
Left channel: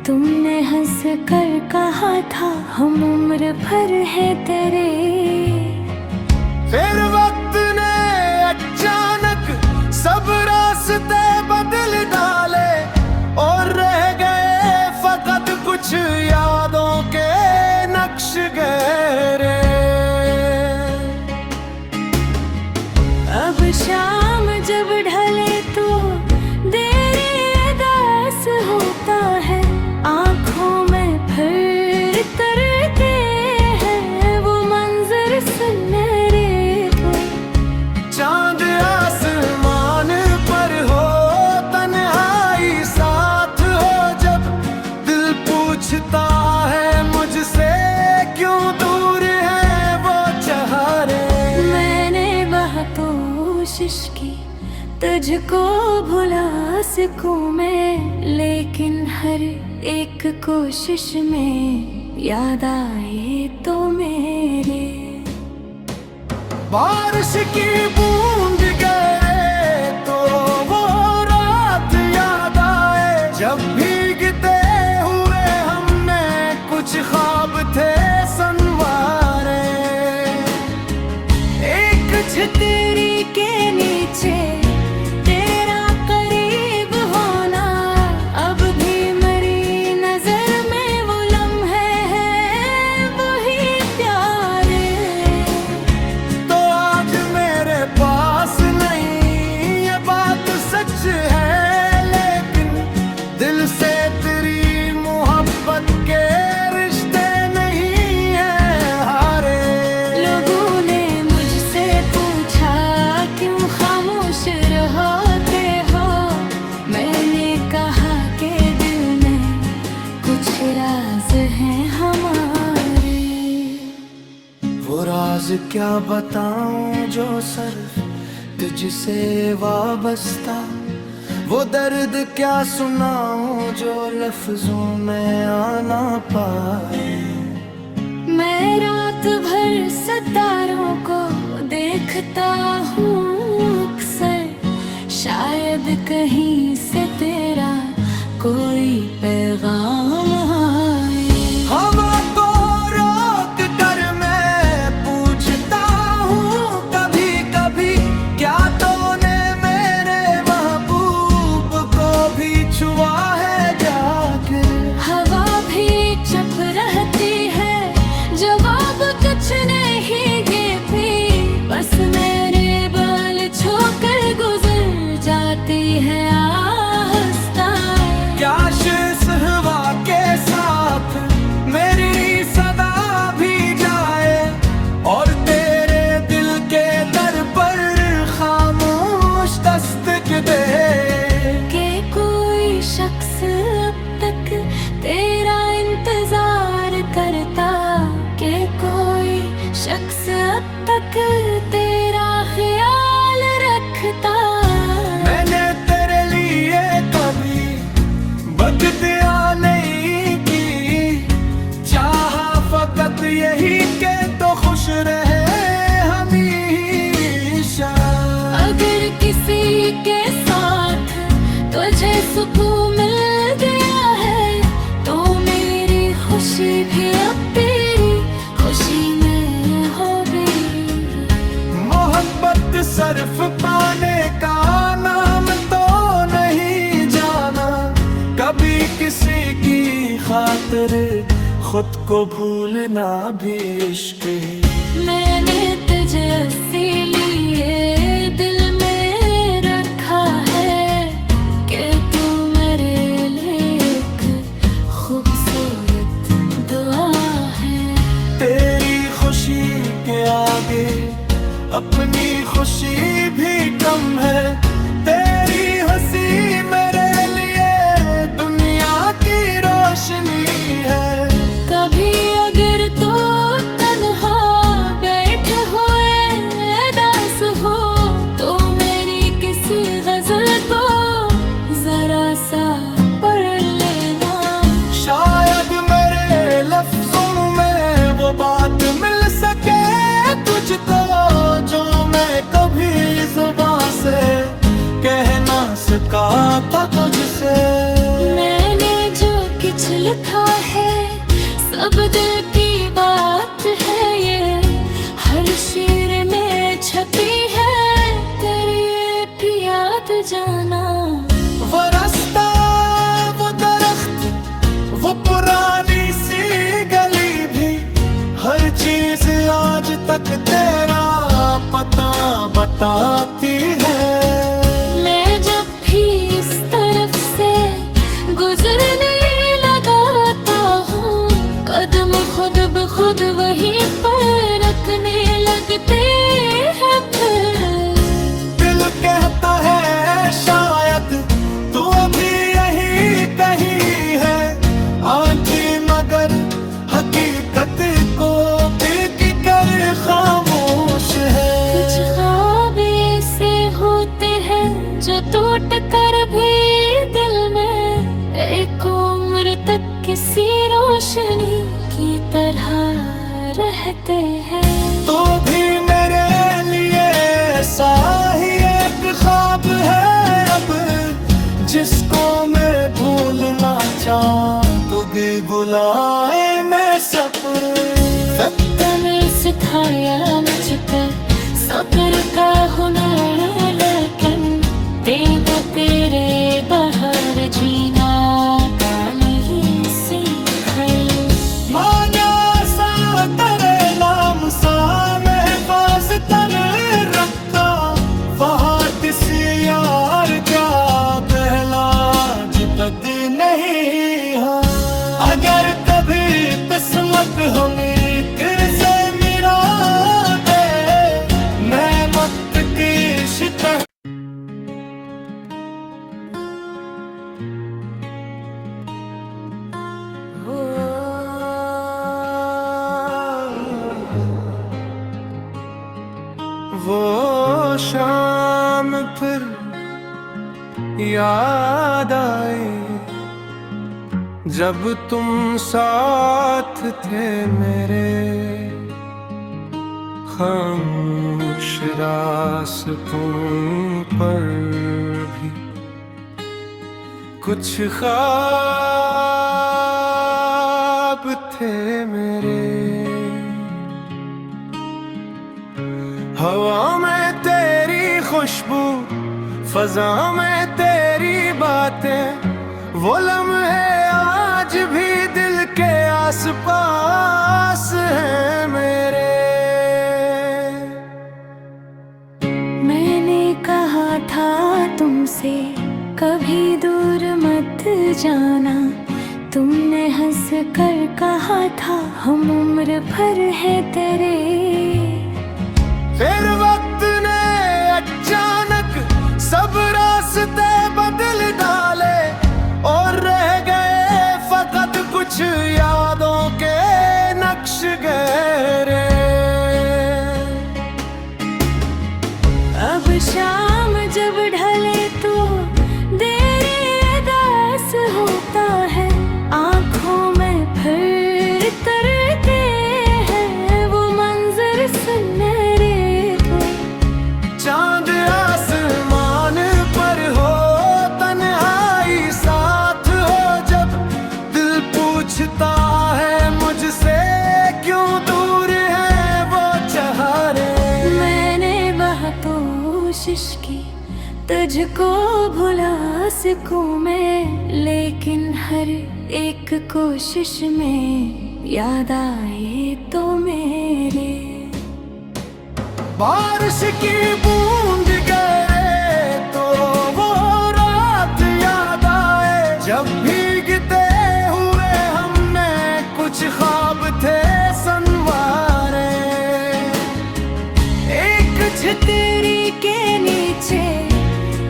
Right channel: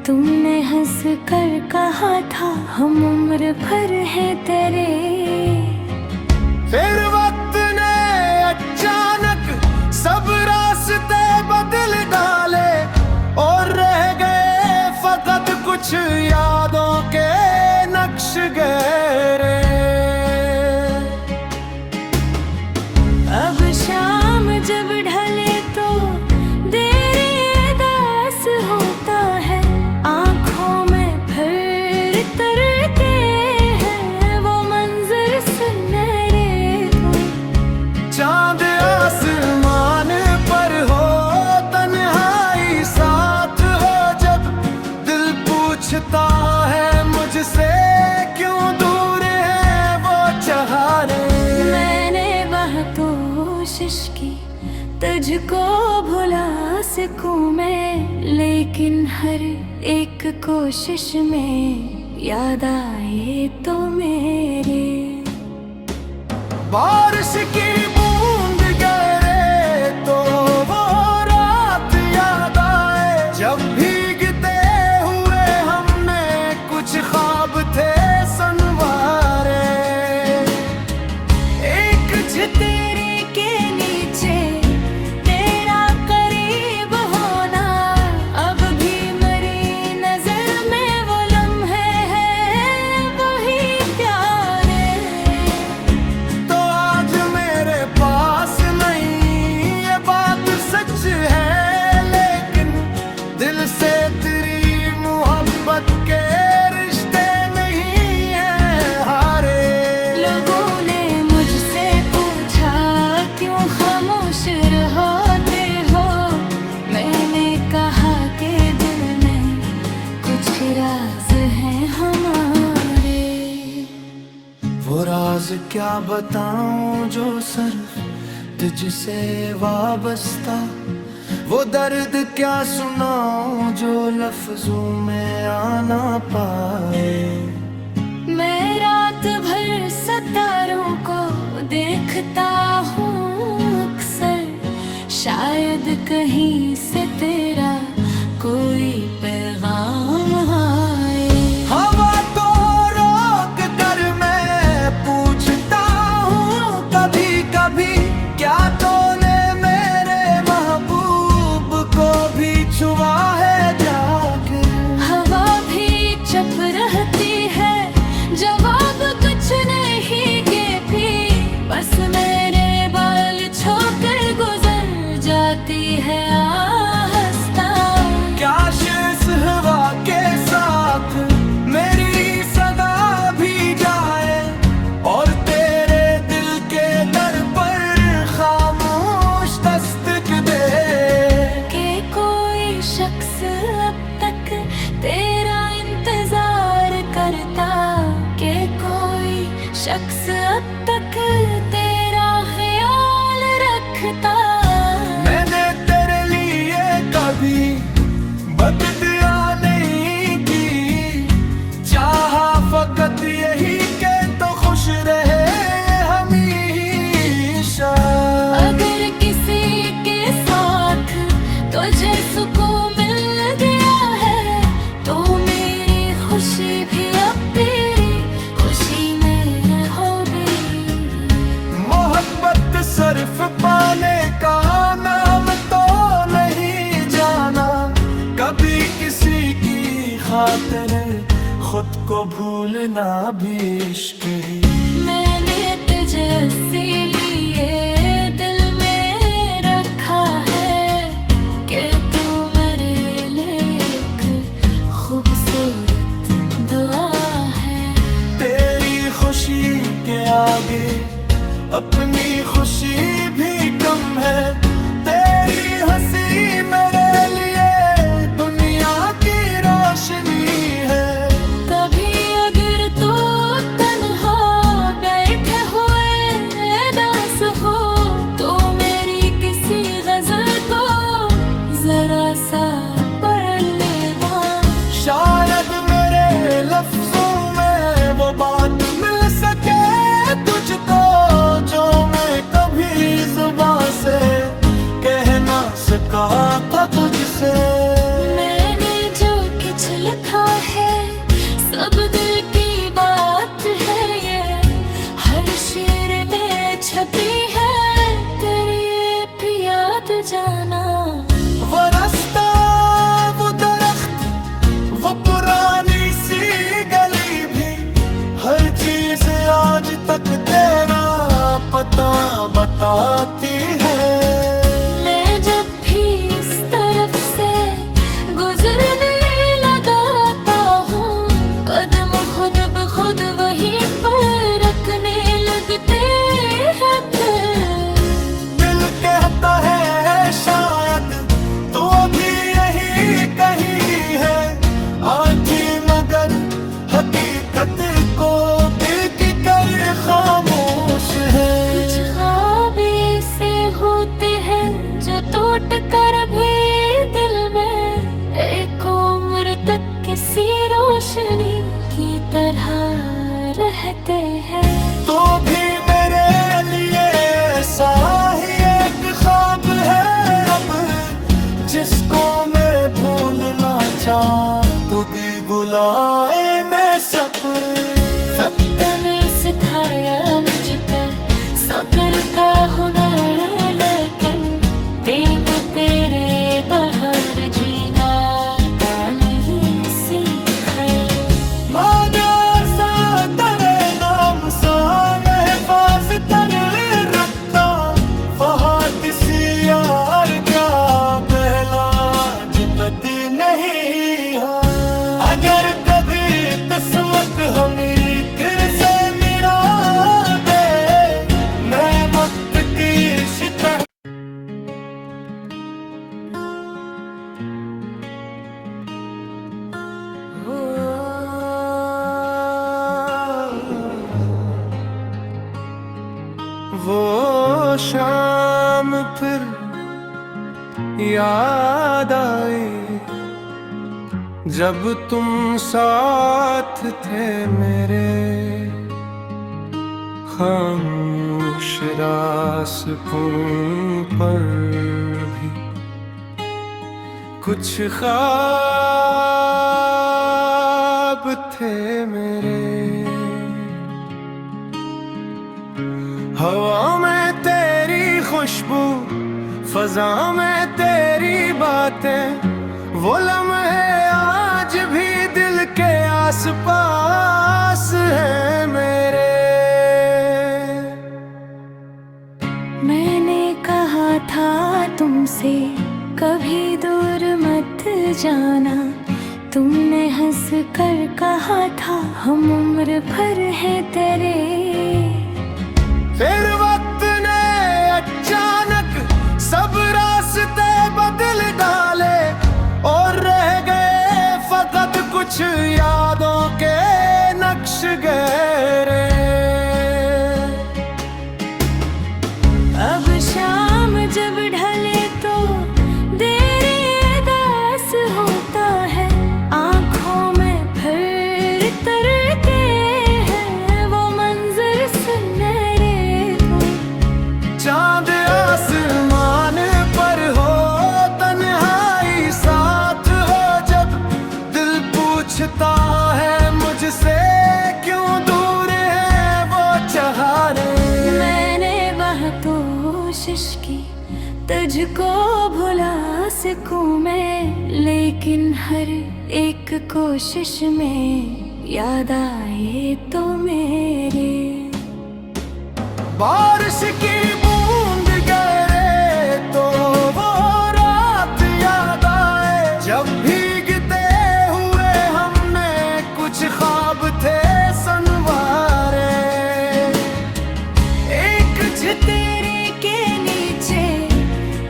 तुमने हंस कर कहा था हम उम्र भर है तेरे। फिर वक्त ने अचानक सब रास्ते बदल डाले, और रह गए फकत कुछ यादों के नक्श गहरे। अब शाम जब ढले तो देर दास होता है, आँखों में फिर तरते हैं वो मंजर सुनहरे। चांद आसमान पर हो, तन्हाई साथ हो, जब दिल पूछता है मुझसे क्यों दूर है वो चाहरे। मैंने बहुत कोशिश की तुझको भुला सकूं मैं, लेकिन हर एक कोशिश में याद आए तो मेरे। बारिश की बूंद गिरे तो वो रात याद आए, जब भीगते हुए हमने कुछ ख्वाब थे संवारे। एक छतरी के नीचे तेरा करीब होना, अब भी मेरी नजर में वो लम्हे हैं वही प्यारे। तो आज मेरे पास नहीं ये बात सच है, लेकिन दिल से तेरी मोहब्बत के रिश्ते नहीं है हारे। लोगों ने मुझसे पूछा क्यों खामोश रहते हो, मैंने कहा कि दिल में कुछ राज हैं हमारे। वो राज क्या बताऊं जो सिर्फ तुझसे वाबस्ता, वो दर्द क्या सुनाऊं जो लफ्जों में आना पाए। मैं रात भर सितारों को देखता हूँ अक्सर, शायद कहीं से तेरा कोई पैगाम आए। हवा को रोक कर मैं पूछता हूँ कभी कभी, क्या तूने मेरे महबूब को भी छुआ है जाकर। हवा भी चुप रहती है, जवाब कुछ नहीं देती, बस मेरे बाल छोकर गुजर जाती है। तेरा इंतजार करता कि कोई शख्स अब तक तेरा ख्याल रखता। मैंने तेरे लिए कभी बददुआ नहीं की, चाहा फकत यही के तो खुश रहे हमेशा। अगर किसी के साथ तुझे सुकून मिल गया है तो मेरी खुशी भी अब तेरी खुशी में होगी। मोहब्बत सिर्फ पाने का नाम तो नहीं जाना, कभी किसी की खातिर खुद को भूलना भी इश्क ही। मैंने तुझे इसीलिए दिल में रखा है कि तू मेरे लिए एक खूबसूरत दुआ है। तेरी खुशी के आगे अपनी खुशी भी कम है, तेरी हंसी मेरे लिए दुनिया की रोशनी है। कभी अगर तो तन्हा बैठे हुए दास हो तो मेरी किसी गजल को जरा सा पढ़ लेना। शायद मेरे लफ्जों में वो बात मिल सके तुझको जो मैं कभी जुबान से कह ना सका था तुझसे। मैंने जो कुछ लिखा है सब दिल की बात है, ये हर शेर में छपी है तेरी ये भी याद जाना। वो रास्ता वो दरख्त वो पुरानी सी गली भी, हर चीज आज तक तेरा पता बताती है। मैं जब भी इस तरफ से गुजरने लगाता हूँ कदम खुद ब खुद वहीं पर रखने लगते हैं। फिर दिल कहता है शायद तू अभी यहीं कहीं है, आंखें मगर हकीकत को दिल की कर खामोश है। कुछ ख्वाब ऐसे होते हैं जो टूट कर भी दिल में एक उम्र तक किसी रोशनी की तरह रहते हैं। तो भी मेरे लिए ऐसा ही एक ख्वाब है अब, जिसको मैं भूलना चाहूं तू भी बुलाए मैं सब्र। तूने सिखाया मुझ पर सब्र का हुनर, लेकिन दिल को तेरे बहार जीना का नहीं सीखा। माना सा तेरे नाम सा महफाज तर रखता, फहाद सी यार क्या पहला जुबत नहीं। हाँ अगर कभी किस्मत हमें फिर से मिला दे, मैं मुफ्तीश वो शाम फिर याद आई जब तुम साथ थे मेरे, खामोश रास्तों पर भी कुछ ख्वाब थे मेरे। हवा में तेरी खुशबू, फजा में तेरी बातें, वो लम्हे आज भी दिल के आसपास हैं मेरे। मैंने कहा था तुमसे कभी दूर मत जाना, तुमने हंस कर कहा था हम उम्र भर है तेरे। फिर वक्त ने अचानक सब रास्ते बदल डाले और रह गए फकत कुछ यादों के नक्श गहरे। अब शाम जब ढले तो देरी दास होता है, आंखों में फिर तरते हैं वो मंजर सुनहरे को। चांद आसमान पर हो, तन्हाई साथ हो जब, दिल पूछता है मुझसे क्यों दूर है वो चाहरे। मैंने बहुत कोशिश की तुझको भुला सकूं मैं, लेकिन हर एक कोशिश में याद आए तो मेरे। बारिश की बूंद गिरे तो वो रात याद आए, जब भीगते हुए हमने कुछ ख्वाब थे संवारे। एक छतरी के नीचे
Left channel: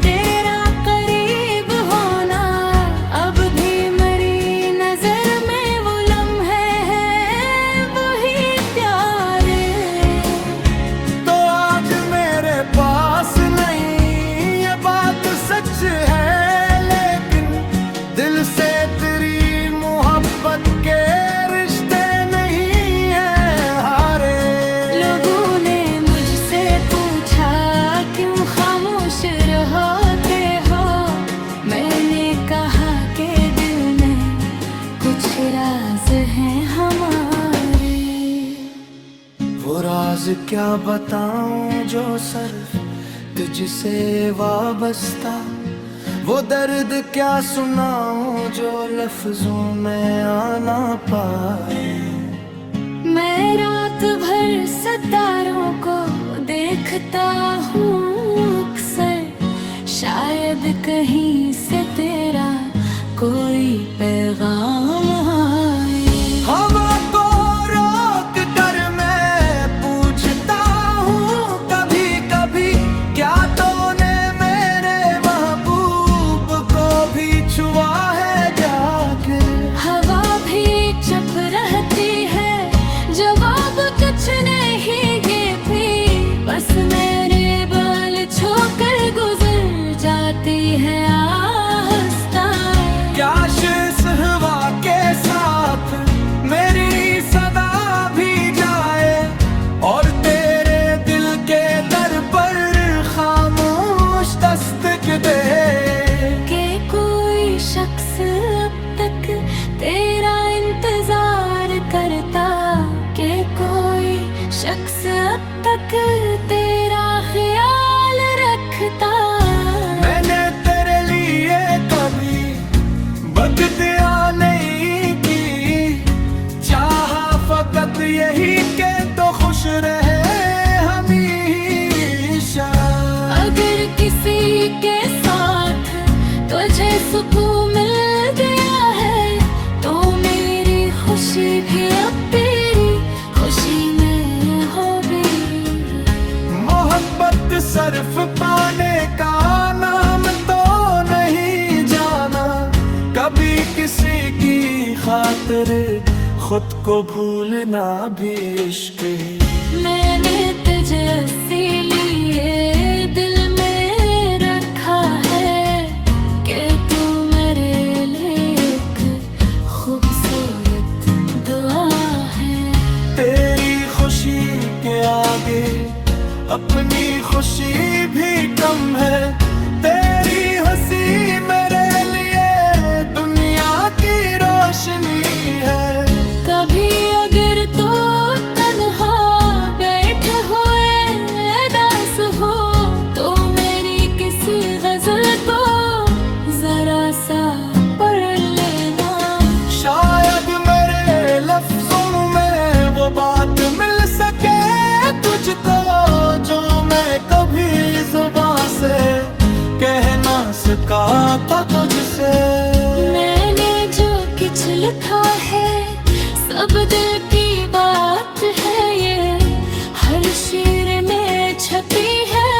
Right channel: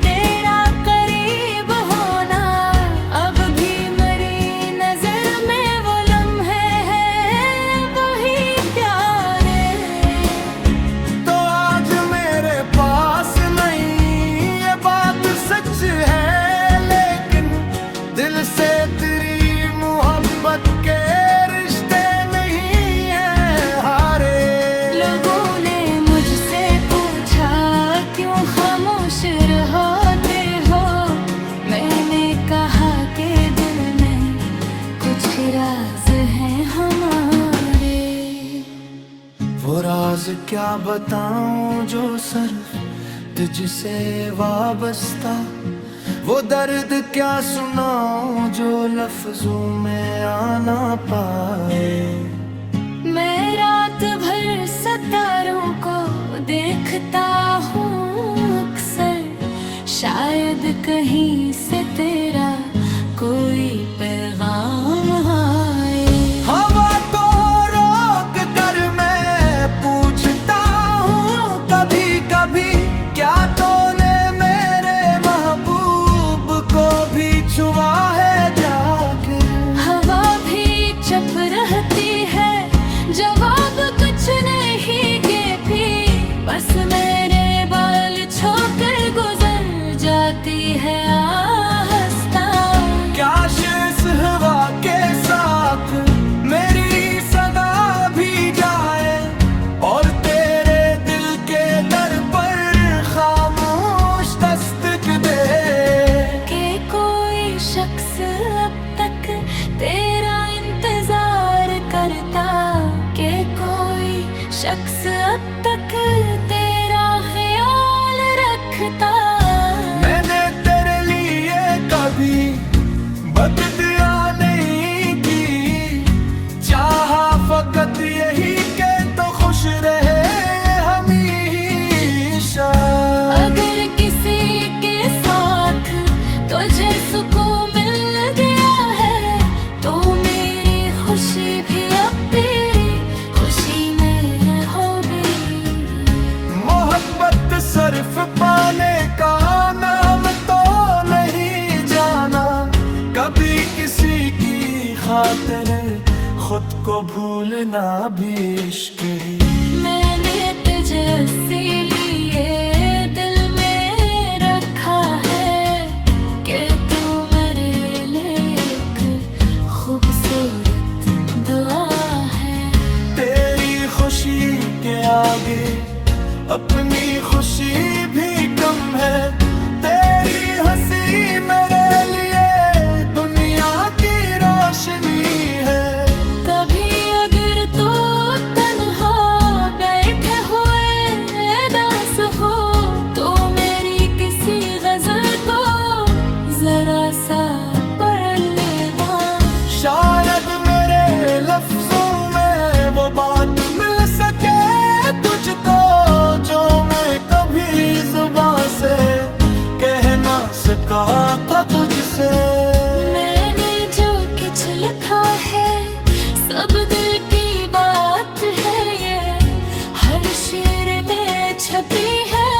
तेरा करीब होना, अब भी मेरी नजर में वो लम्हे हैं वही प्यारे। तो आज मेरे पास नहीं ये बात सच है, लेकिन दिल से तेरी मोहब्बत के रिश्ते नहीं है हारे। लोगों ने मुझसे पूछा क्यों खामोश रहते हो, मैंने कहा कि दिल में कुछ राज हैं हमारे। वो राज क्या बताऊं जो सिर्फ तुझसे वाबस्ता, वो दर्द क्या सुनाऊं जो लफ्जों में आ ना पाए। मैं रात भर सितारों को देखता हूँ अक्सर, शायद कहीं से तेरा कोई पैगाम आए। हवा को रोक कर मैं पूछता हूँ कभी कभी, क्या तूने मेरे महबूब को भी छुआ है जाकर। हवा भी चुप रहती है, जवाब कुछ नहीं देती, बस मेरे बाल छोकर गुजर जाती है आहिस्ता। क्या इस हवा के साथ मेरी सदा भी जाए, और तेरे दिल के दर पर खामोश दस्तक दे। कि कोई शख्स अब तक तेरा इंतजार करता, कि कोई शख्स अब तक तेरा ख्याल रखता। मैंने तेरे लिए कभी बददुआ नहीं की, चाहा फकत यही के तो खुश रहे हमेशा। अगर किसी के साथ तुझे सुकून मिल गया है, तो मेरी खुशी भी अब तेरी खुशी में होगी। मोहब्बत सिर्फ पाने का नाम तो नहीं जाना, कभी किसी की खातिर खुद को भूलना भी इश्क ही। मैंने तुझे इसीलिए दिल में रखा है कि तू मेरे लिए एक खूबसूरत दुआ है। तेरी खुशी के आगे अपनी खुशी भी कम है, तेरी हंसी मेरे लिए दुनिया की रोशनी है। कभी अगर तो तन्हा बैठे हुए दास हो, तो मेरी किसी गजल को जरा सा पढ़ लेना। शायद मेरे लफ्जों में वो बात मिल सके तुझको, जो मैं कभी जुबान से कह ना सका था तुझसे। मैंने जो कुछ लिखा है सब दिल की बात है, ये हर शेर में छपी है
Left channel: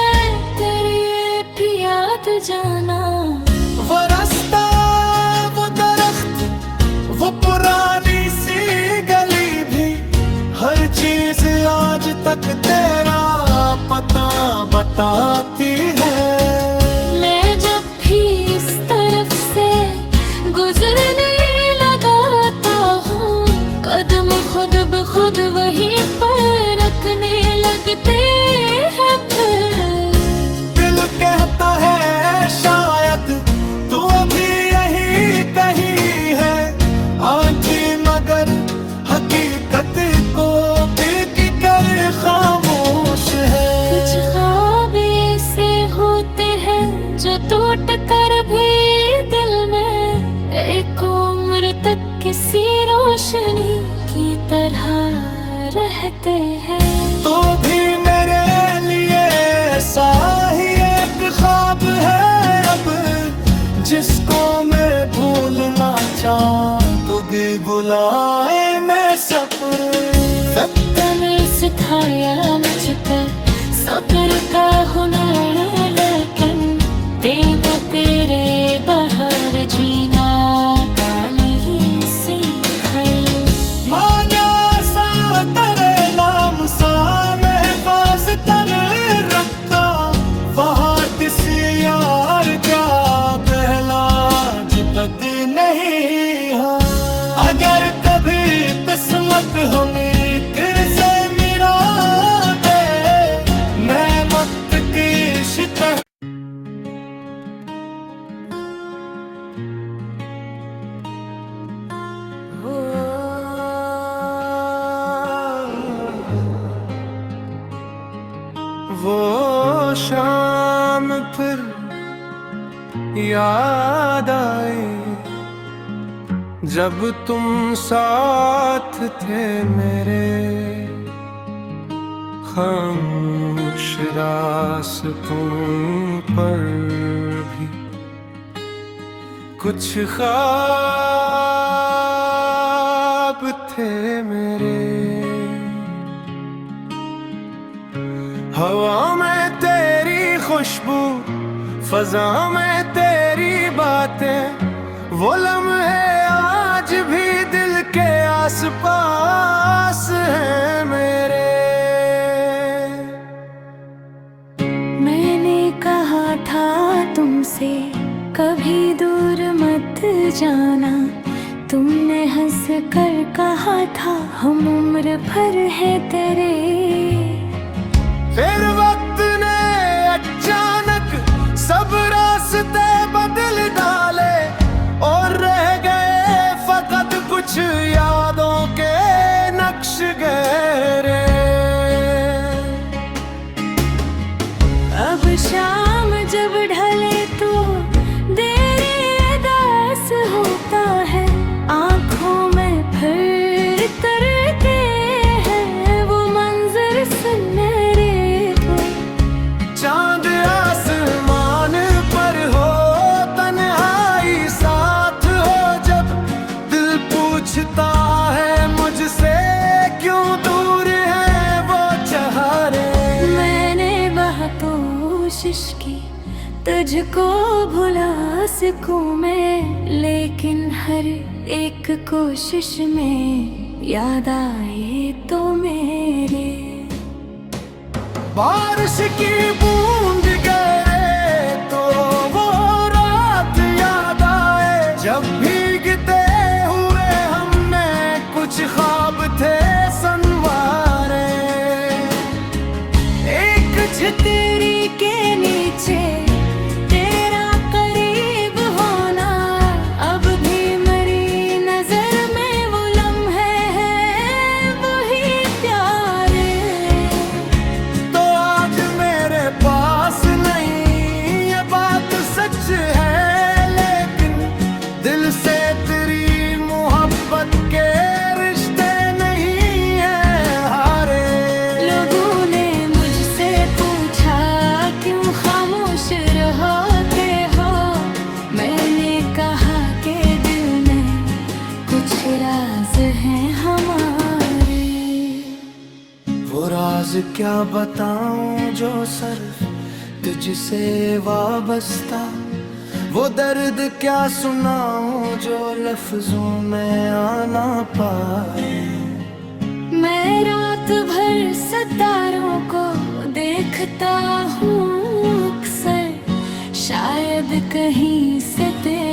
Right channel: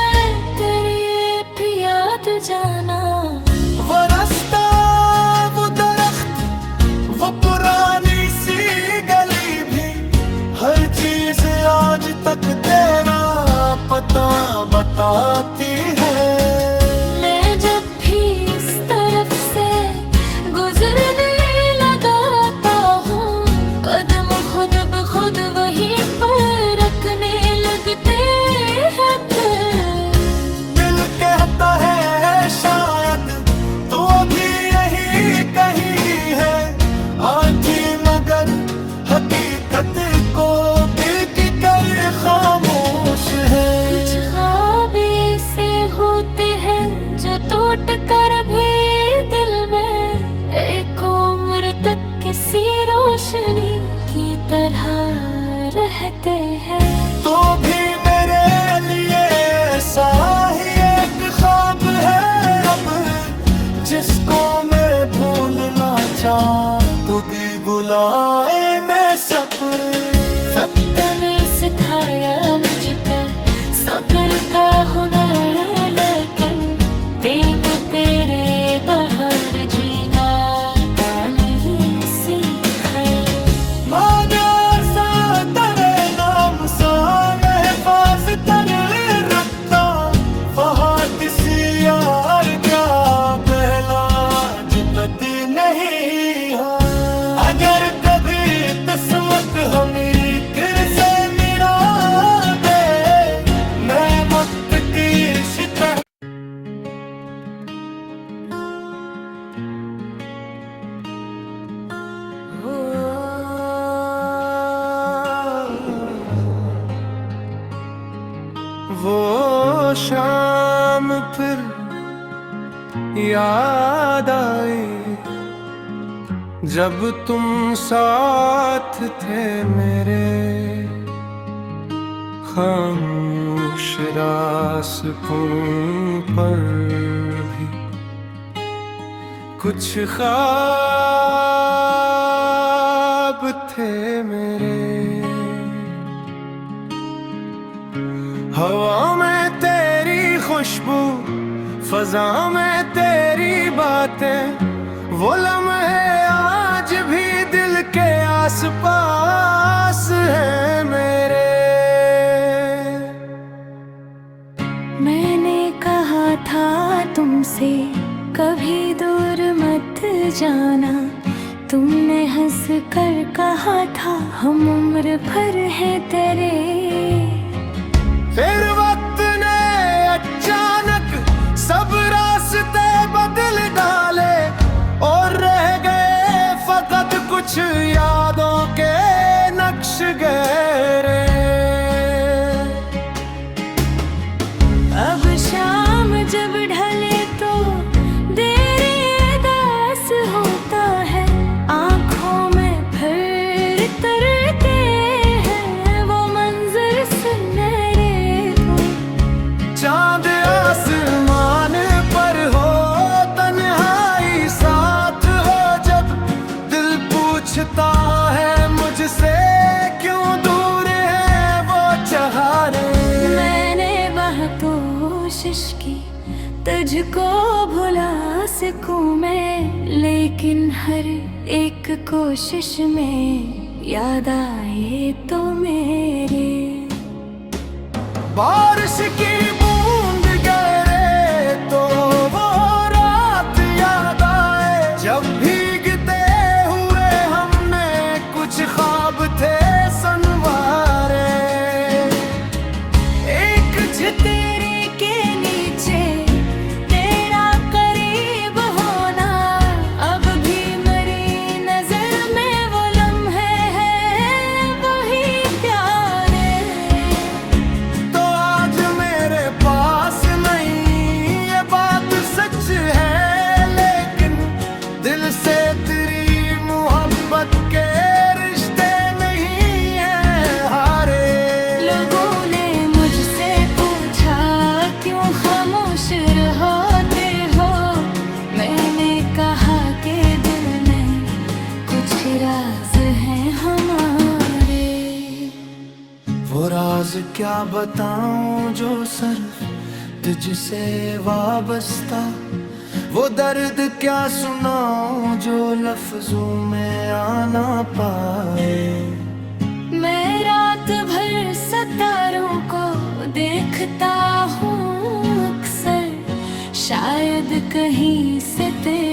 तेरी ये भी याद जाना। वो रास्ता, वो दरख्त, वो पुराना तरफ से गुजरने लगाता हूँ, कदम खुद ब खुद वहीं पर रखने लगते हैं फिर। दिल कहता है शायद तू अभी यहीं कहीं है, आंखें मगर हकीकत को बीत कर खामोश है। कुछ ख्वाब ऐसे होते हैं जो टूट कर भी दिल में एक उम्र तक किसी रोशनी की तरह रहते हैं। तो भी मेरे लिए ऐसा ही एक ख्वाब है अब, जिसको मैं भूलना चाहूं तो भी बुलाए मैं सब्र ने सिखाया मुझ पे सब्र का हुनर, लेकिन देखा तेरे बहार जीना का नहीं सीखा। मांगा सा तेरे नाम सा महफाज तर रखता, फहाद सी यार क्या पहला जुबत नहीं। हाँ अगर कभी किस्मत हमें फिर से मिला दे, मैं मुक्त की शिकस्त वो शाम फिर याद आई जब तुम साथ थे मेरे, खामोश रास्तों पर भी कुछ ख्वाब थे मेरे। हवा में तेरी खुशबू, फजा में तेरी बातें, वो लम्हे आज भी दिल के आसपास हैं मेरे। मैंने कहा था तुमसे कभी दूर मत जाना, तुमने हंस कर कहा था हम उम्र भर है तेरे। फिर वक्त ने अचानक सब रास्ते बदल डाले, और रह गए फकत कुछ यादों के नक्श गहरे। अब शाम जब ढले तो देरी अदास होता है, आँखों में फिर तरते हैं वो मंजर सुनहरे को। चांद आसमान पर हो, तन्हाई साथ हो जब, दिल पूछता है मुझसे क्यों दूर है वो चहारे। मैंने बहुत कोशिश की तुझको भुला सकूं मैं, लेकिन हर एक कोशिश में याद आए तो मेरे। बारिश की बूंद गिरे तो वो रात याद आए, जब भीगते हुए हमने कुछ ख्वाब थे संवारे। एक छतरी के नीचे तेरा करीब होना, अब भी मेरी नजर में वो लम्हे हैं वही प्यारे। तो आज मेरे पास नहीं ये बात सच है, लेकिन दिल से तेरी मोहब्बत के रिश्ते नहीं है हारे। लोगों ने मुझसे पूछा क्यों खामोश रहते हो, मैंने कहा कि दिल में कुछ राज हैं हमारे। वो राज क्या बताऊं जो सिर्फ तुझसे वाबस्ता, वो दर्द क्या सुनाऊं जो लफ्जों में आना पाए। मैं रात भर सितारों को देखता हूँ अक्सर, शायद कहीं से तेरे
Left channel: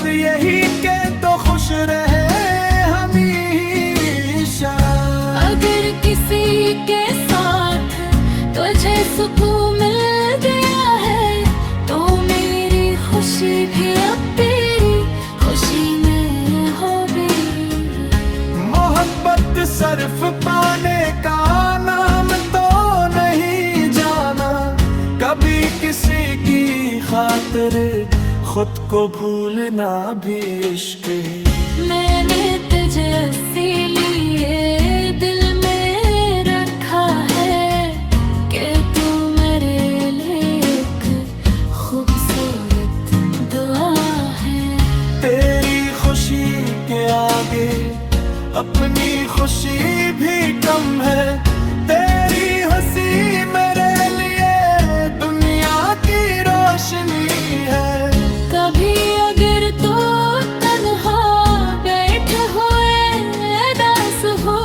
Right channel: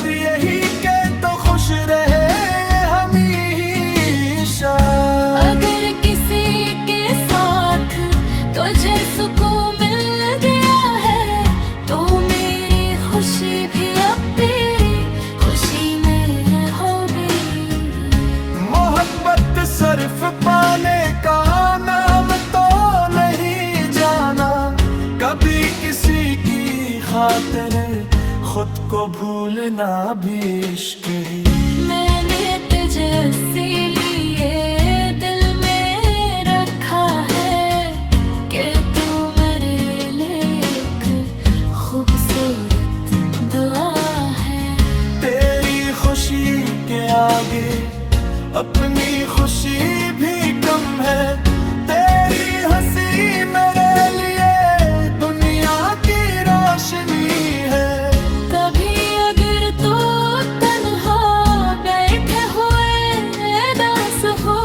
मकसद यही के तो खुश रहे हमेशा। अगर किसी के साथ तुझे सुकून मिल गया है तो मेरी खुशी भी अब तेरी खुशी में होगी। मोहब्बत सिर्फ पाने का नाम तो नहीं जाना, कभी किसी की खातिर खुद को भूलना भी इश्क ही। मैंने तुझे इसीलिए दिल में रखा है कि तू मेरे लिए एक खूबसूरत दुआ है। तेरी खुशी के आगे अपनी खुशी भी कम है, तेरी हंसी मेरे लिए दुनिया की रोशनी है। कभी अगर तू तन्हा बैठे हुए दास हो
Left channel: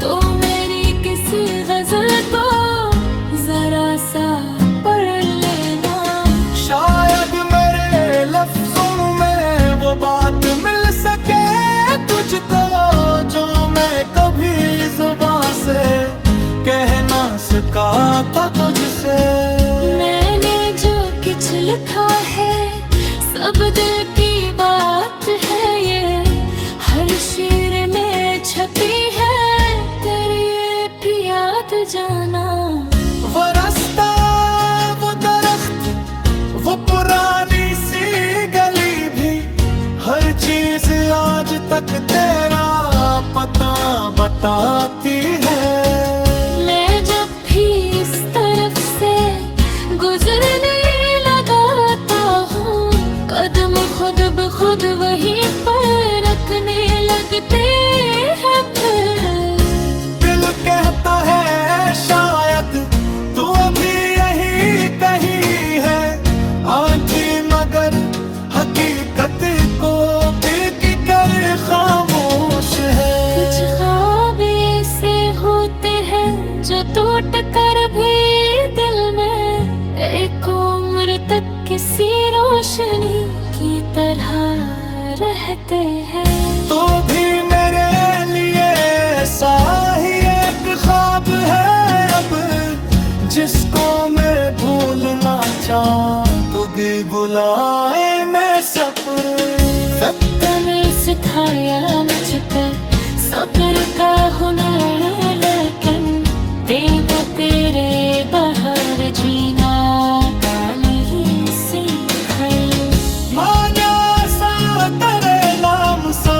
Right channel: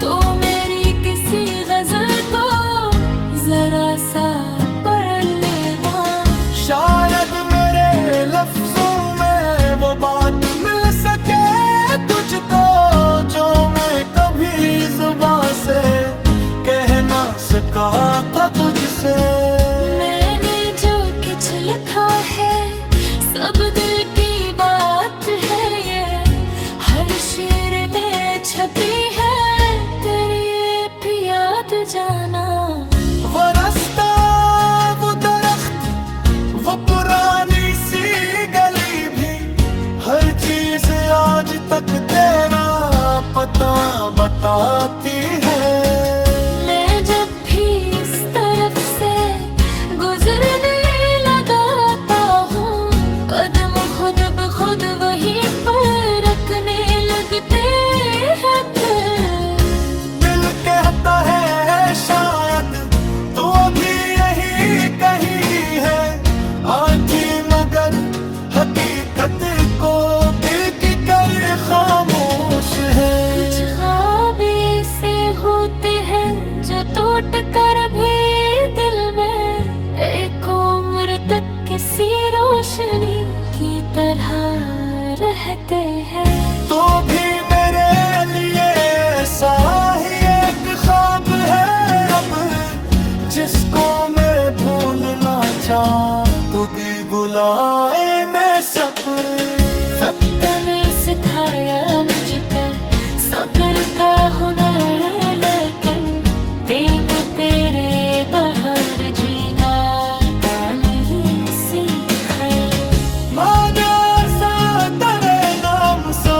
तो मेरी किसी गजल को जरा सा पढ़ लेना। शायद मेरे लफ्जों में वो बात मिल सके तुझको जो मैं कभी जुबान से कह ना सका था तुझसे। मैंने जो कुछ लिखा है सब दिल की बात है, ये हर शेर में छपी है तेरी ये भी याद जाना। वो रास्ता, वो दरख्त, वो पुरानी सी गली भी, हर चीज आज तक तेरा पता बताती है। मैं जब भी इस तरफ से गुजरने लगाता हूँ कदम खुद ब खुद वहीं पर रखने लगते हैं। फिर दिल कहता है शायद तू अभी यहीं कहीं है, आंखें मगर हकीकत को दिल की कर खामोश है। कुछ ख्वाब ऐसे होते हैं जो टूट कर भी दिल में एक उम्र तक किसी रोशनी की तरह रहते हैं। तो भी मेरे लिए ऐसा ही एक ख्वाब है अब, जिसको मैं भूलना चाहूं तू भी बुलाए मैं सब्र। वक्त ने सिखाया मुझ पे सब्र का हुनर, लेकिन देखा तेरे बहार जीना का नहीं सीखा। मान्या सा तेरे नाम सा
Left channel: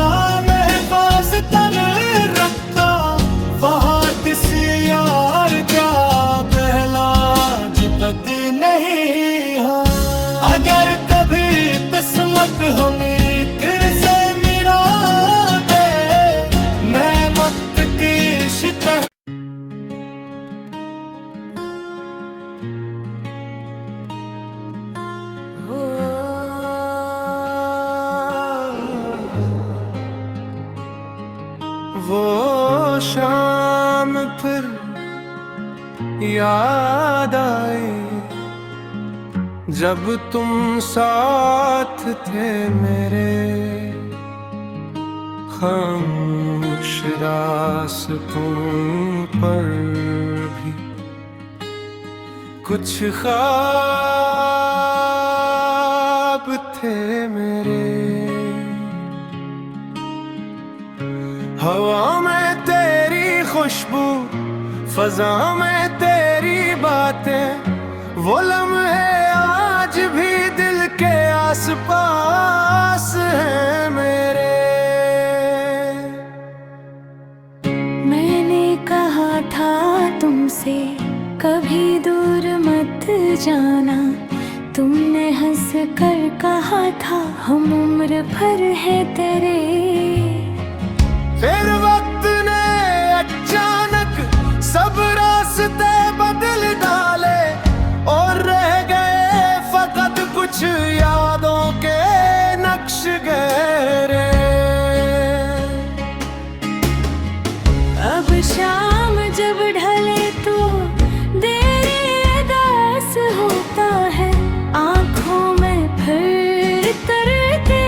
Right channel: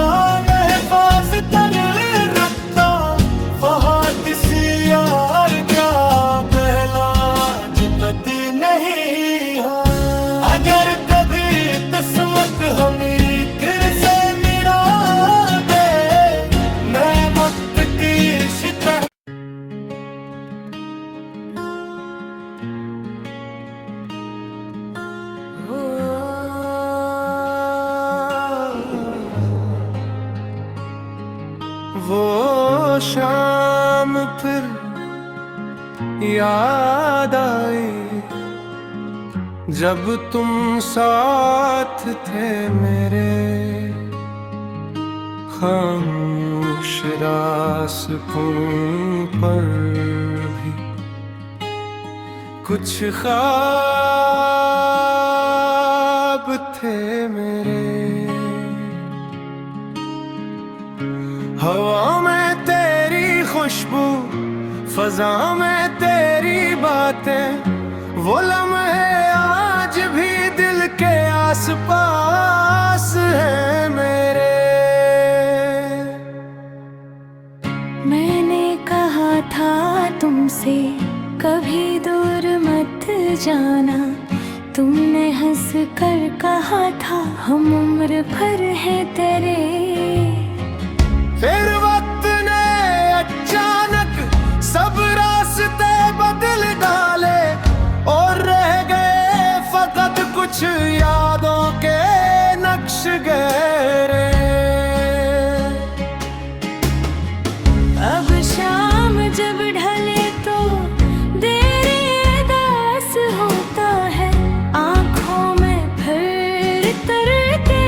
महफाज तर रखता, फहाद सी यार क्या पहला जुदत नहीं। हाँ अगर कभी किस्मत हमें फिर से मिला दे, मैं मुझ की शिकस्त वो शाम फिर याद आई जब तुम साथ थे मेरे, खामोश रास्तों पर भी कुछ ख्वाब थे मेरे। हवा में तेरी खुशबू, फजा में तेरी बातें, वो लम्हे आज भी दिल के आसपास हैं मेरे। मैंने कहा था तुमसे कभी दूर मत जाना, तुमने हंस कर कहा था हम उम्र भर है तेरे। फिर वक्त ने अचानक सब रास्ते बदल डाले और रह गए फकत कुछ यादों के नक्श गहरे। अब शाम जब ढले तो देरी अदास होता है, आंखों में फिर तरते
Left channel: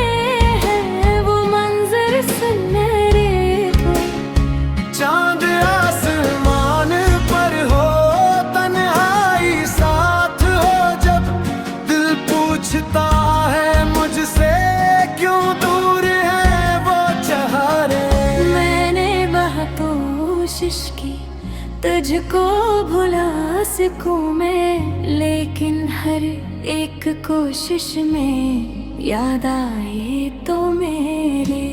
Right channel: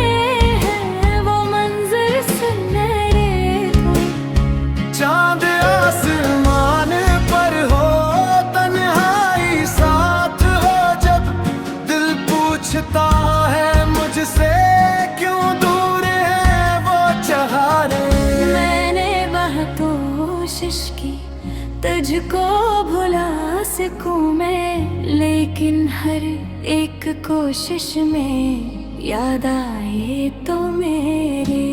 पूछता है मुझसे क्यों दूर है वो चहारे। मैंने बहुत कोशिश की तुझको भुला सकूं मैं, लेकिन हर एक कोशिश में याद आए तो मेरे।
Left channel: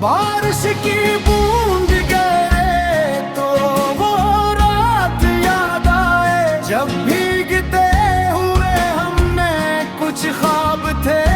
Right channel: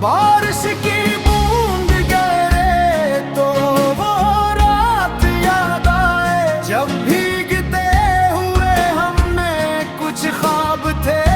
बारिश की बूंद गिरे तो वो रात याद आए, जब भीगते हुए हमने कुछ ख्वाब थे।